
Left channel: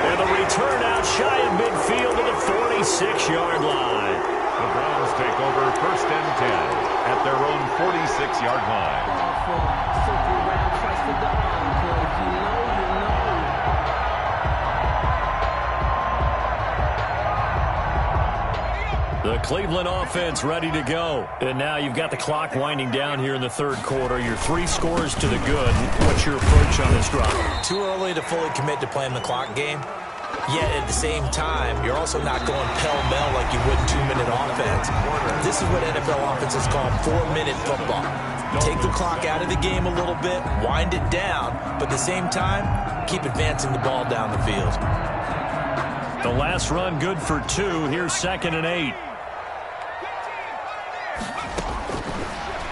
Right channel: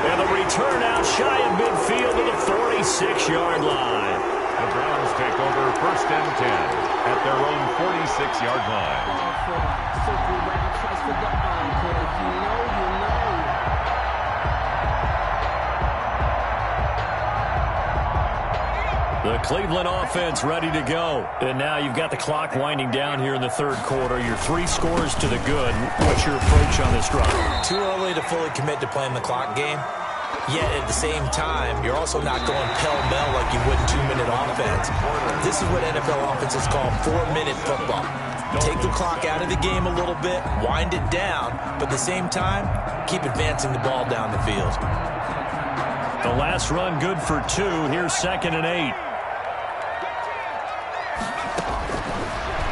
And the return out shy of midfield to the 46-yard line. The Browns take over 1st and 10 at their own 46-yard line. Circle round twice for the encore. You know, you know. The Cleveland offense ready to go. And now you've got the clock winding down here in the third quarter. Your 3 scores to the good. What's your approach on this drive? Too early to fully commit to playing the clock game. Yet at the same time, you're also not going pell-mell like you would 2-minute offense. This is what NFL offenses call 4-minute football. Take the clock out of the game a little bit, wind it down, but at the same time, keep advancing the ball down the field. The last run good for 2. Here's 2nd and 8.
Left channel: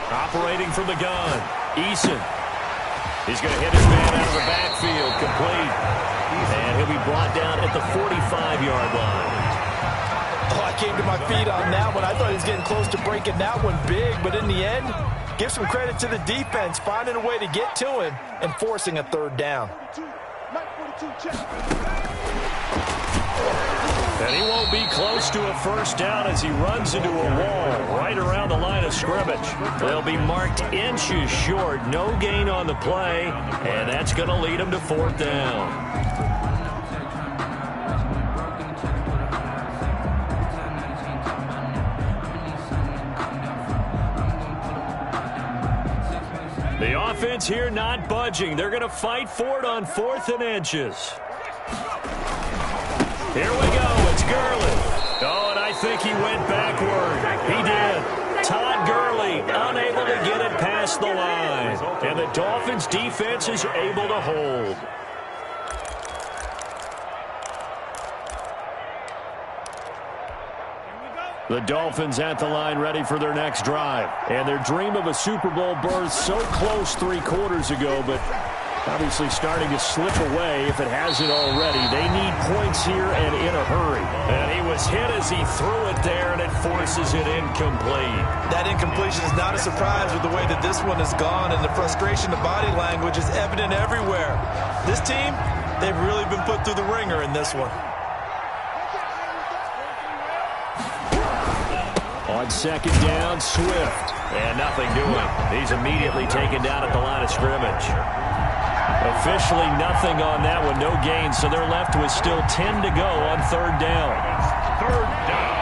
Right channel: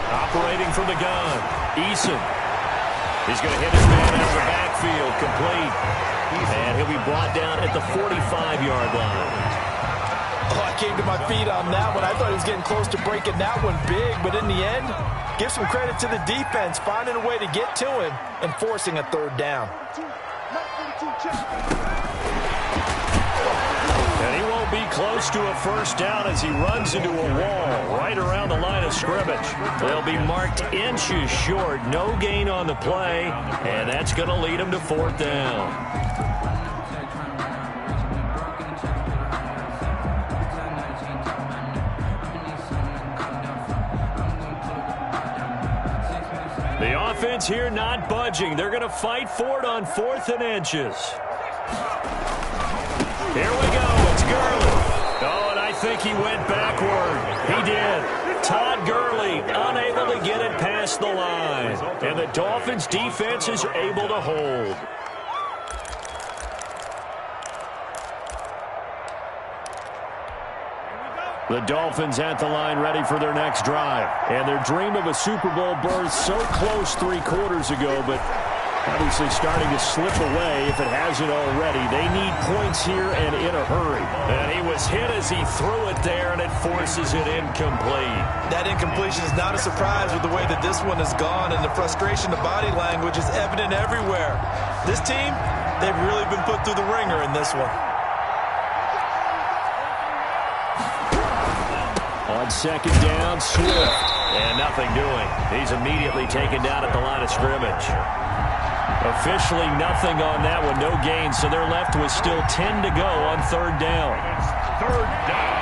Operating from the gun, Eason. He's going to hit his man out of the backfield, complete. And he'll be brought down at the 45-yard line. Oh, I came to my feet on that one. I thought he was getting close to breaking that one big, but in the end, give some credit to the defense, finding a way to get to him and forcing a 3rd down. And he won't be close to a 1st down as he runs into a wall right around the line of scrimmage. They'll be marked inches short. No gain on the play, and that's going to lead him to 4th down. The offense here not budging. They're going to fight for it on 4th and inches. Here we go. It's Gurley. Oh, and I think he went backward. He did. Todd Gurley unable to get it past the line. And the Dolphins defense is able to hold. The Dolphins at the line ready for their next drive. And their dream of a Super Bowl berth so close 3 quarters ago, but obviously starting to slip away if it hasn't already. They need points here and in a hurry. And he was hit as he threw it there, and it forces it incomplete. That incompletion is not a surprise with the way that this one has gone, and the frustration of body language is evident everywhere. This team, they've really been put through the ringer in this one. On second down, Swift. And nothing doing. He's immediately taken down at the line of scrimmage. Officially nothing on that one, no gain, so they're left with still 10 to go on third down. Third down.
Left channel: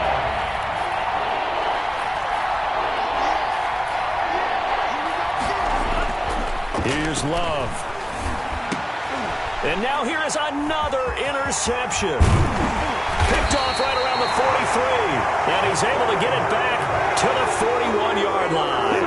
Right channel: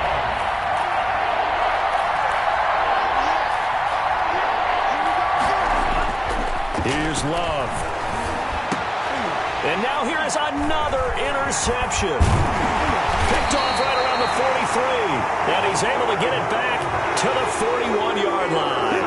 Here's Love. And now here is another interception. Picked off right around the 43. And he's able to get it back to the 41-yard line.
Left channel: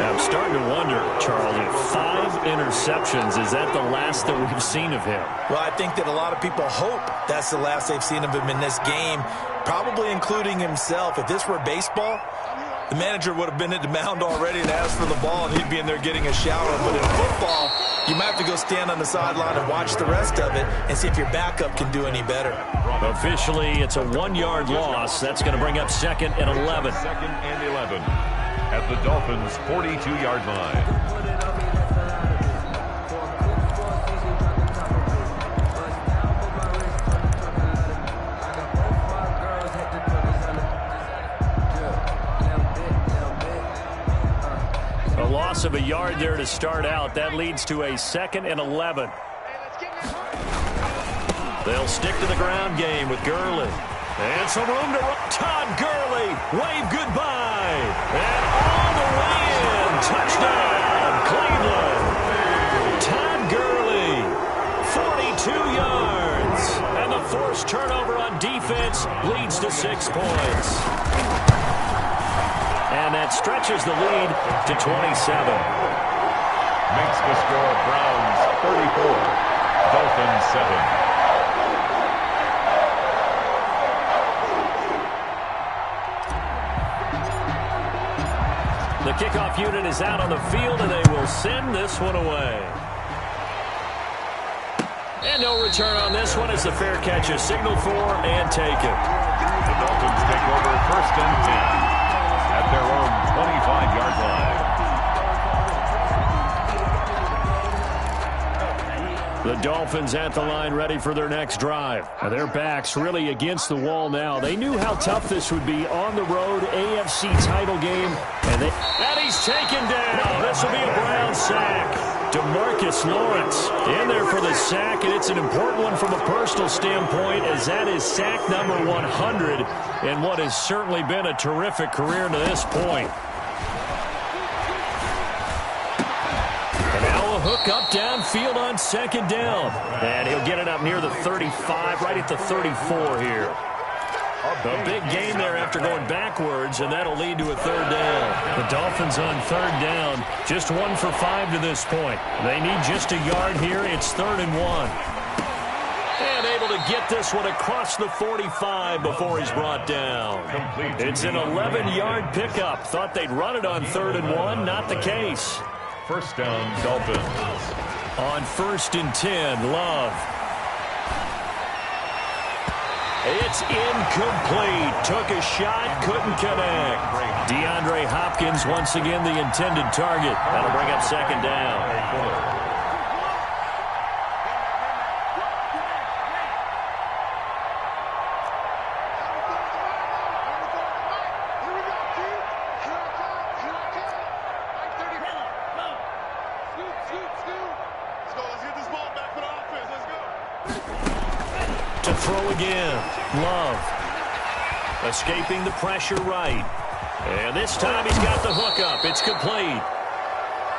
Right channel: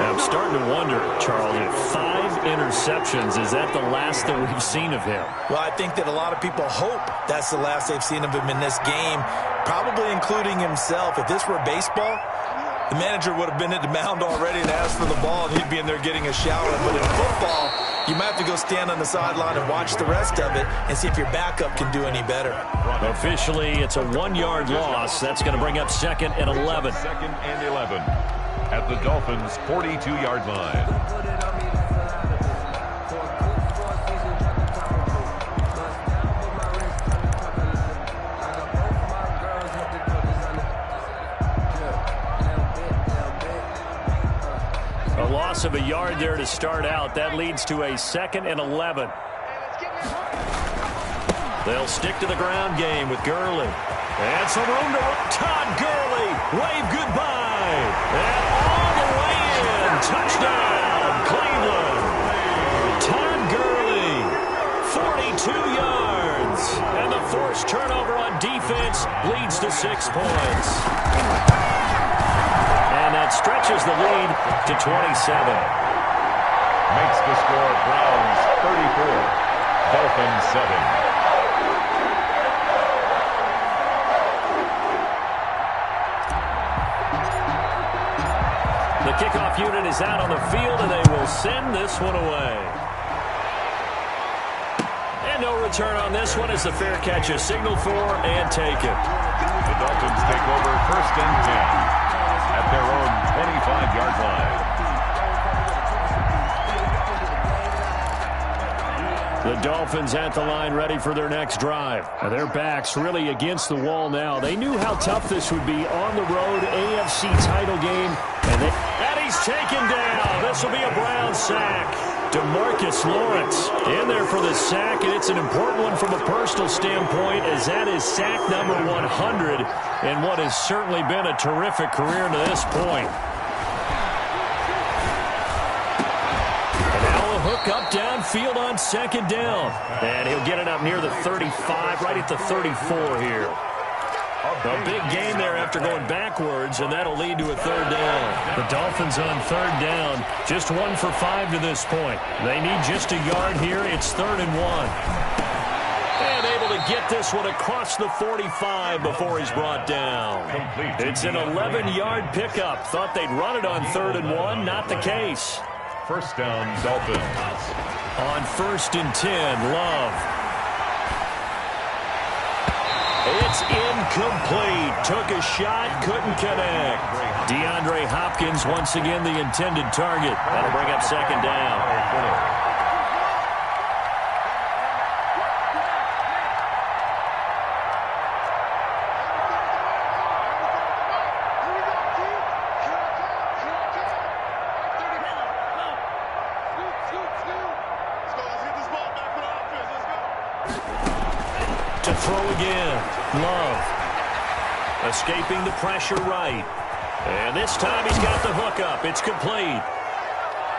I'm starting to wonder, Charles, if 5 interceptions, is that the last that we've seen of him? Well, I think that a lot of people hope that's the last they've seen of him in this game, probably including himself. If this were baseball, the manager would have been at the mound already and asked for the ball, and he'd be in there getting a shower. But in football, you might have to go stand on the sideline and watch the rest of it and see if your backup can do any better. Officially, it's a 1-yard loss. That's going to bring up 2nd and 11. 2nd and 11 at the Dolphins' 42-yard line. A loss of a yard there to start out. That leads to a 2nd and 11. They'll stick to the ground game with Gurley. And some room to run. Todd Gurley, wave goodbye. And all the way in. Touchdown, Cleveland. Todd Gurley, 42 yards. And the forced turnover on defense leads to 6 points. And that stretches the lead to 27. Makes the score Browns 34, Dolphins 7. The kickoff unit is out on the field, and they will send this one away. And no return on this one as the fair catch is signaled for and taken. The Dolphins take over 1st and 10 at their own 25-yard line. The Dolphins at the line ready for their next drive. Their backs really against the wall now. They knew how tough this would be on the road, AFC title game. And he's taken down. This will be a Brown sack. DeMarcus Lawrence in there for the sack, and it's an important one from a personal standpoint, as that is sack number 100 in what has certainly been a terrific career to this point. And now a hook up downfield on 2nd down. And he'll get it up near the 35, right at the 34 here. A big gain there after going backwards, and that'll lead to a 3rd down. The Dolphins on 3rd down, just 1 for 5 to this point. They need just a yard here. It's 3rd and 1. And able to get this one across the 45 before he's brought down. It's an 11-yard pickup. Thought they'd run it on 3rd and 1. Not the case. 1st down, Dolphins. On 1st and 10, Love. It's incomplete. Took a shot, couldn't connect. DeAndre Hopkins once again the intended target. That'll bring up 2nd down. To throw again. Love. Escaping the pressure right. And this time he's got the hook up. It's complete.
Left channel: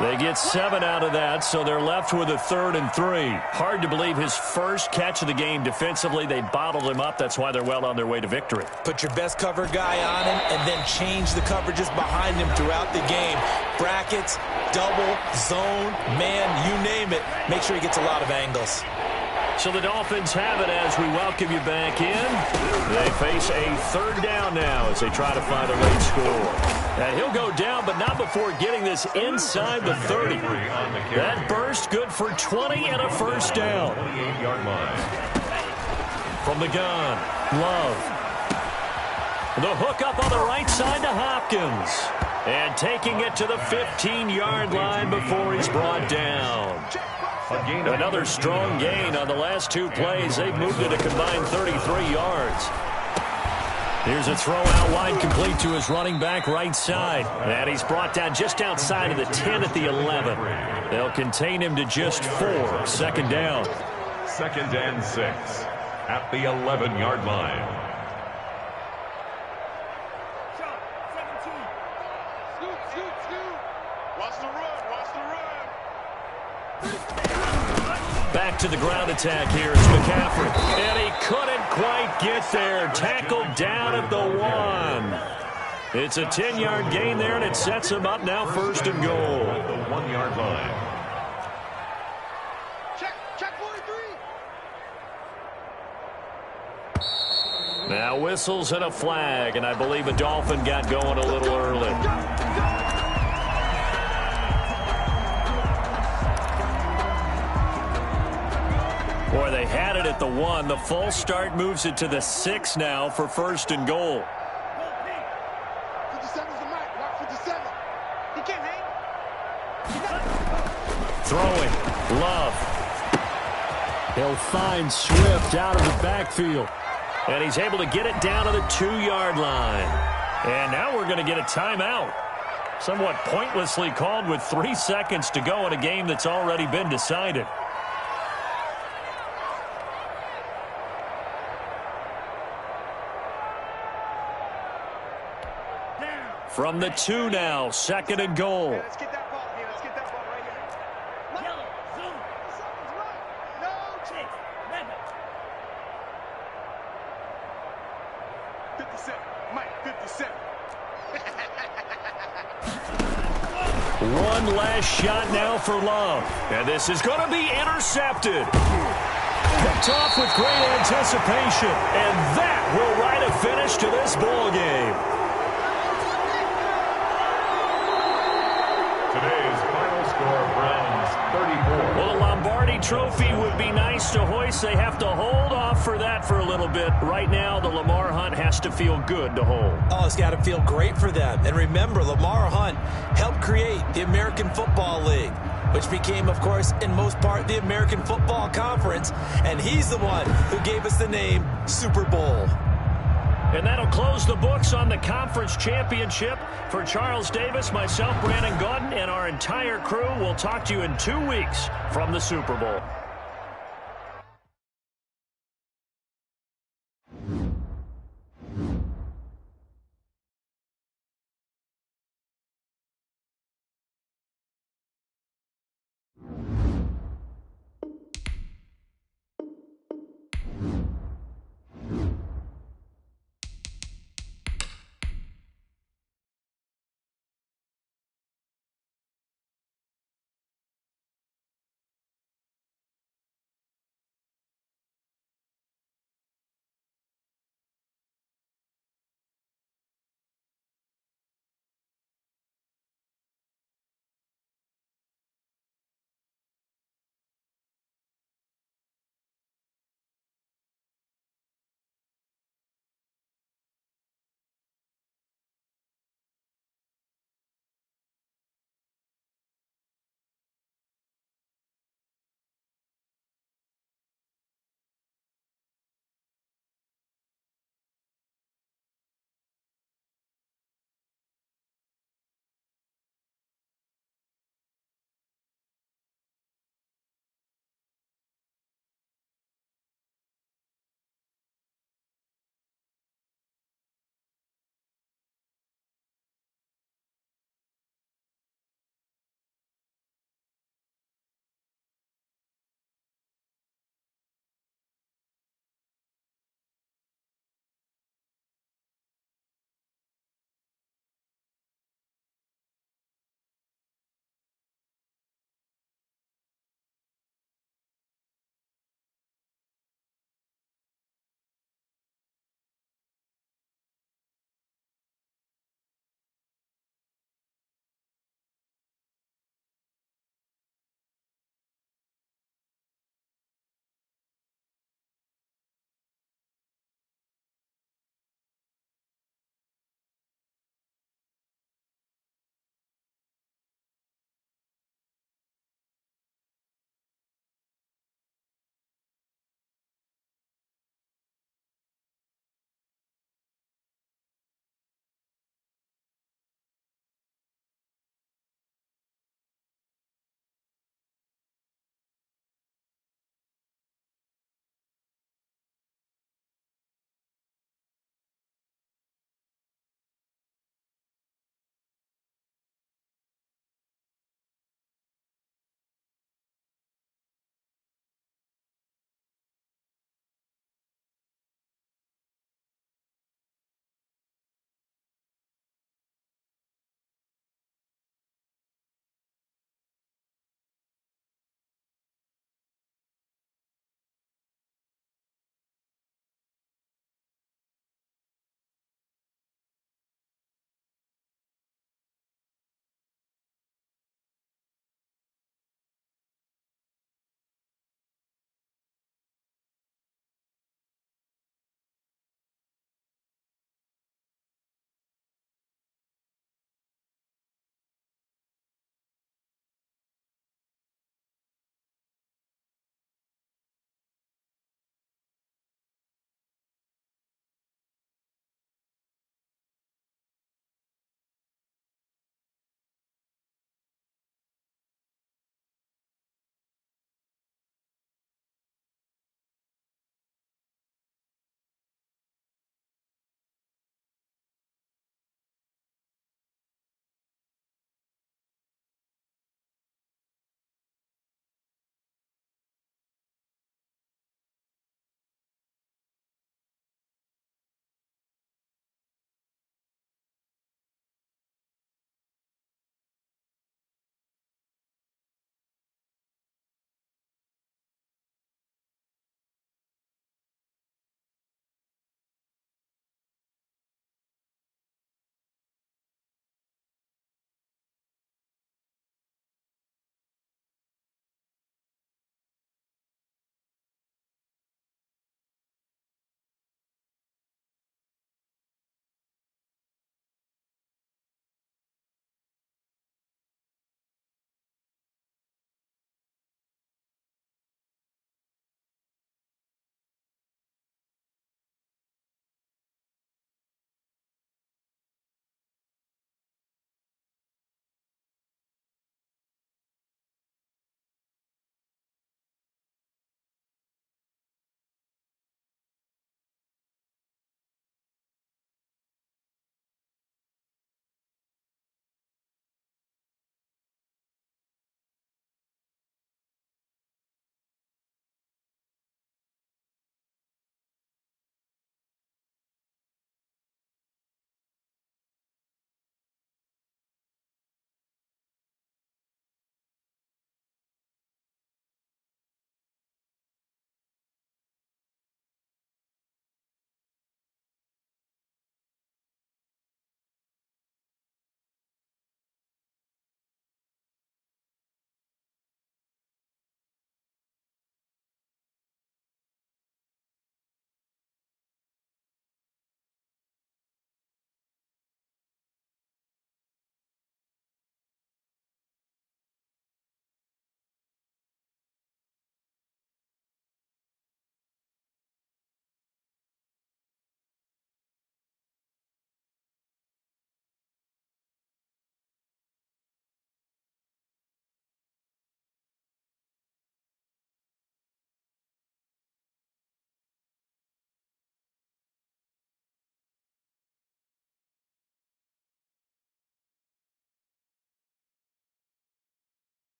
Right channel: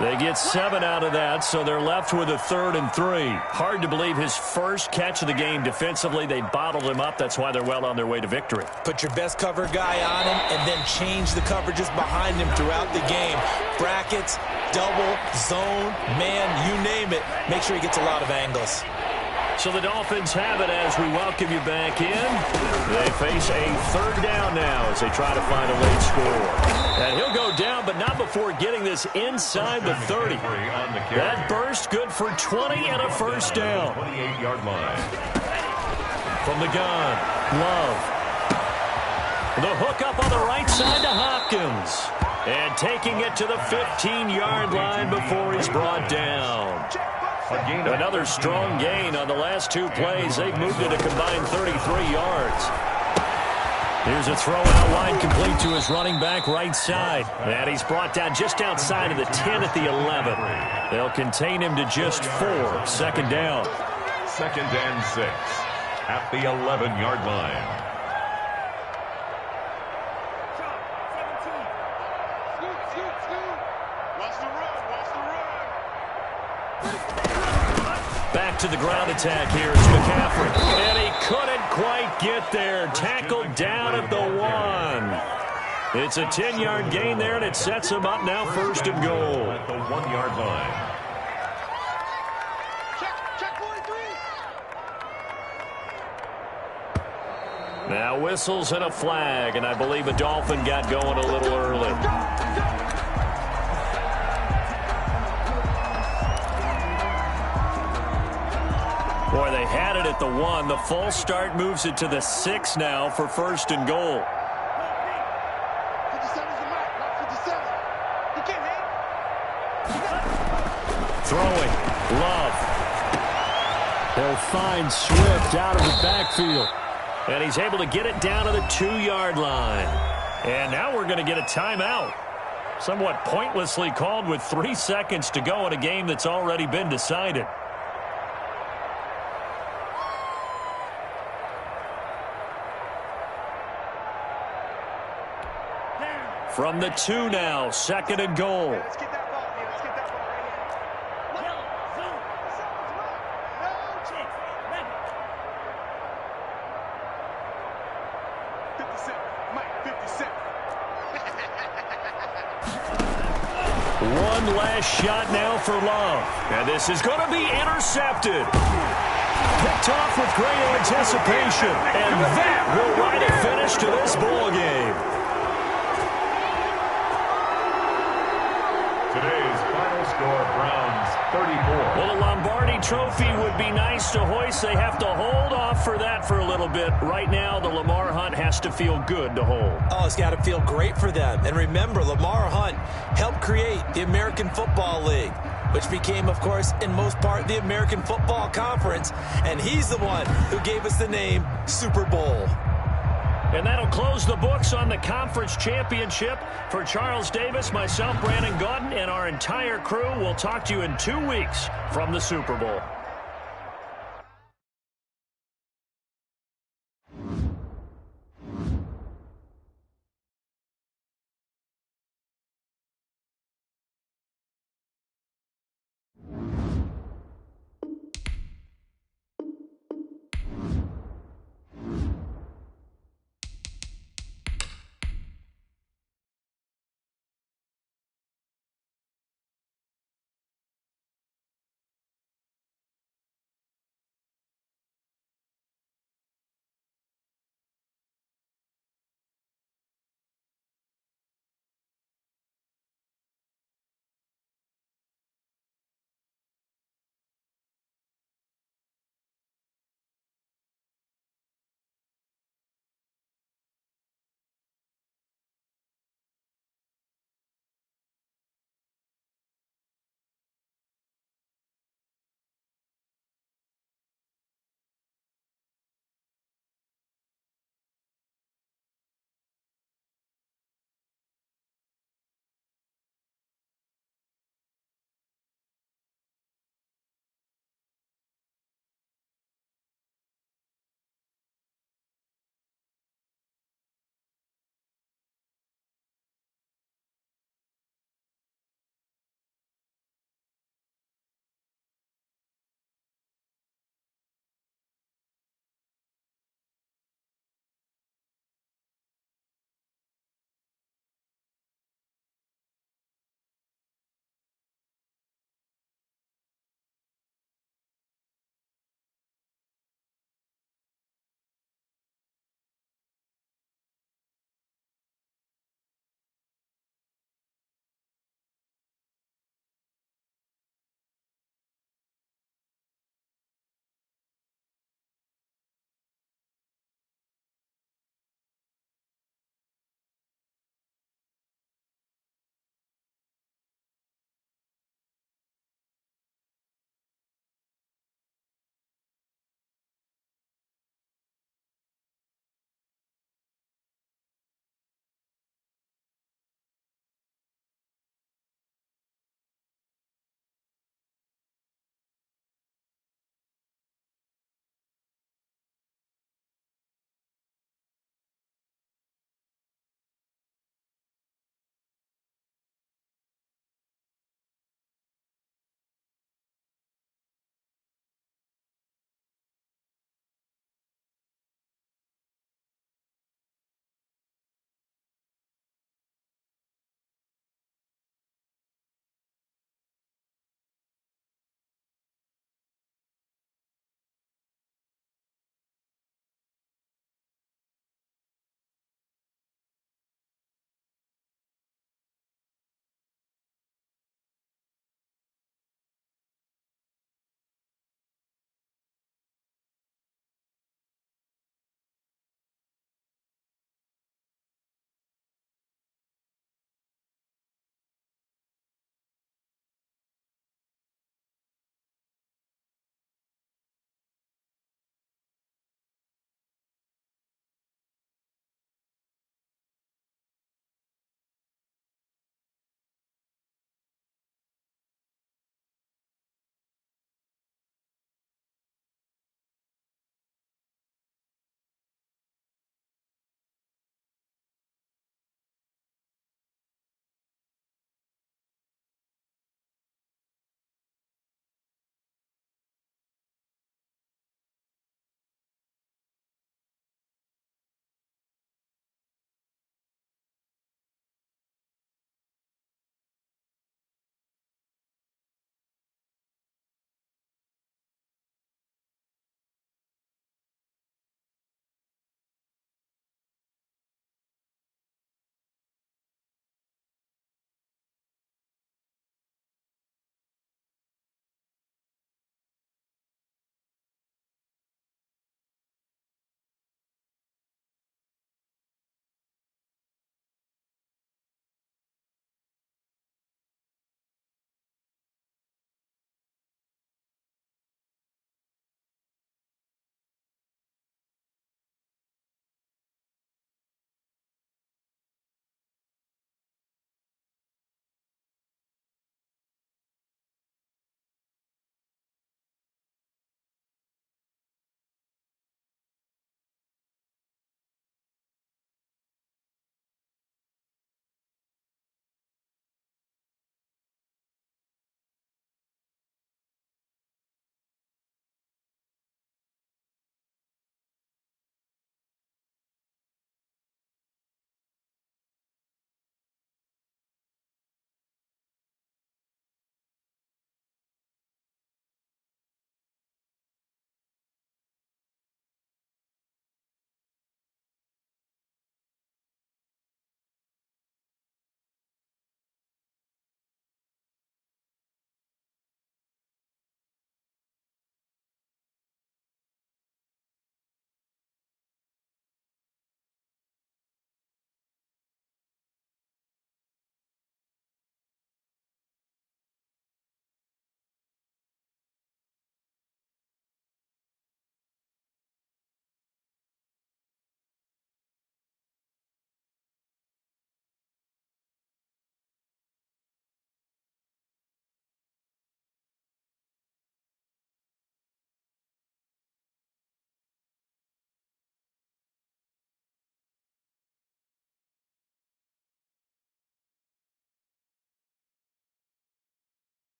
They get 7 out of that, so they're left with a 3rd and 3. Hard to believe his first catch of the game defensively. They bottled him up. That's why they're well on their way to victory. Put your best cover guy on him and then change the coverages behind him throughout the game. Brackets, double, zone, man, you name it. Make sure he gets a lot of angles. So the Dolphins have it as we welcome you back in. They face a 3rd down now as they try to find a late score. And he'll go down, but not before getting this inside the 30. That burst good for 20 and a first down. 28-yard line. From the gun, Love. The hook up on the right side to Hopkins. And taking it to the 15-yard line before he's brought down. Another strong gain on the last 2 plays. They've moved it a combined 33 yards. Here's a throw out wide, complete to his running back right side. And he's brought down just outside of the 10 at the 11. They'll contain him to just 4. 2nd down. 2nd and 6 at the 11-yard line. Back to the ground attack here is McCaffrey. And he couldn't quite get there. Tackled down at the 1. It's a 10-yard gain there, and it sets him up now 1st and goal. At the 1-yard line. Check 43. Now whistles and a flag, and I believe a Dolphin got going a little early. Boy, they had it at the 1. The false start moves it to the 6 now for 1st and goal. 57's the mic. Rock 57. He can't hang. Throwing. Love. He'll find Swift out of the backfield. And he's able to get it down to the 2-yard line. And now we're going to get a timeout. Somewhat pointlessly called with 3 seconds to go in a game that's already been decided. From the 2 now, 2nd and goal. Let's get that ball here. Let's get that ball right here. Yellow, zoom. Something's wrong. No chance. Mega. 57. Mike, 57. One last shot now for Love. And this is going to be intercepted. Picked off with great anticipation. And that will write a finish to this ball game. Today's final score, Browns 34. Well, a Lombardi trophy would be nice to hoist. They have to hold off for that for a little bit. Right now, the Lamar Hunt has to feel good to hold. Oh, it's got to feel great for them. And remember, Lamar Hunt helped create the American Football League, which became, of course, in most part, the American Football Conference. And he's the one who gave us the name Super Bowl. And that'll close the books on the conference championship. For Charles Davis, myself, Brandon Gaudin, and our entire crew, we'll talk to you in 2 weeks from the Super Bowl.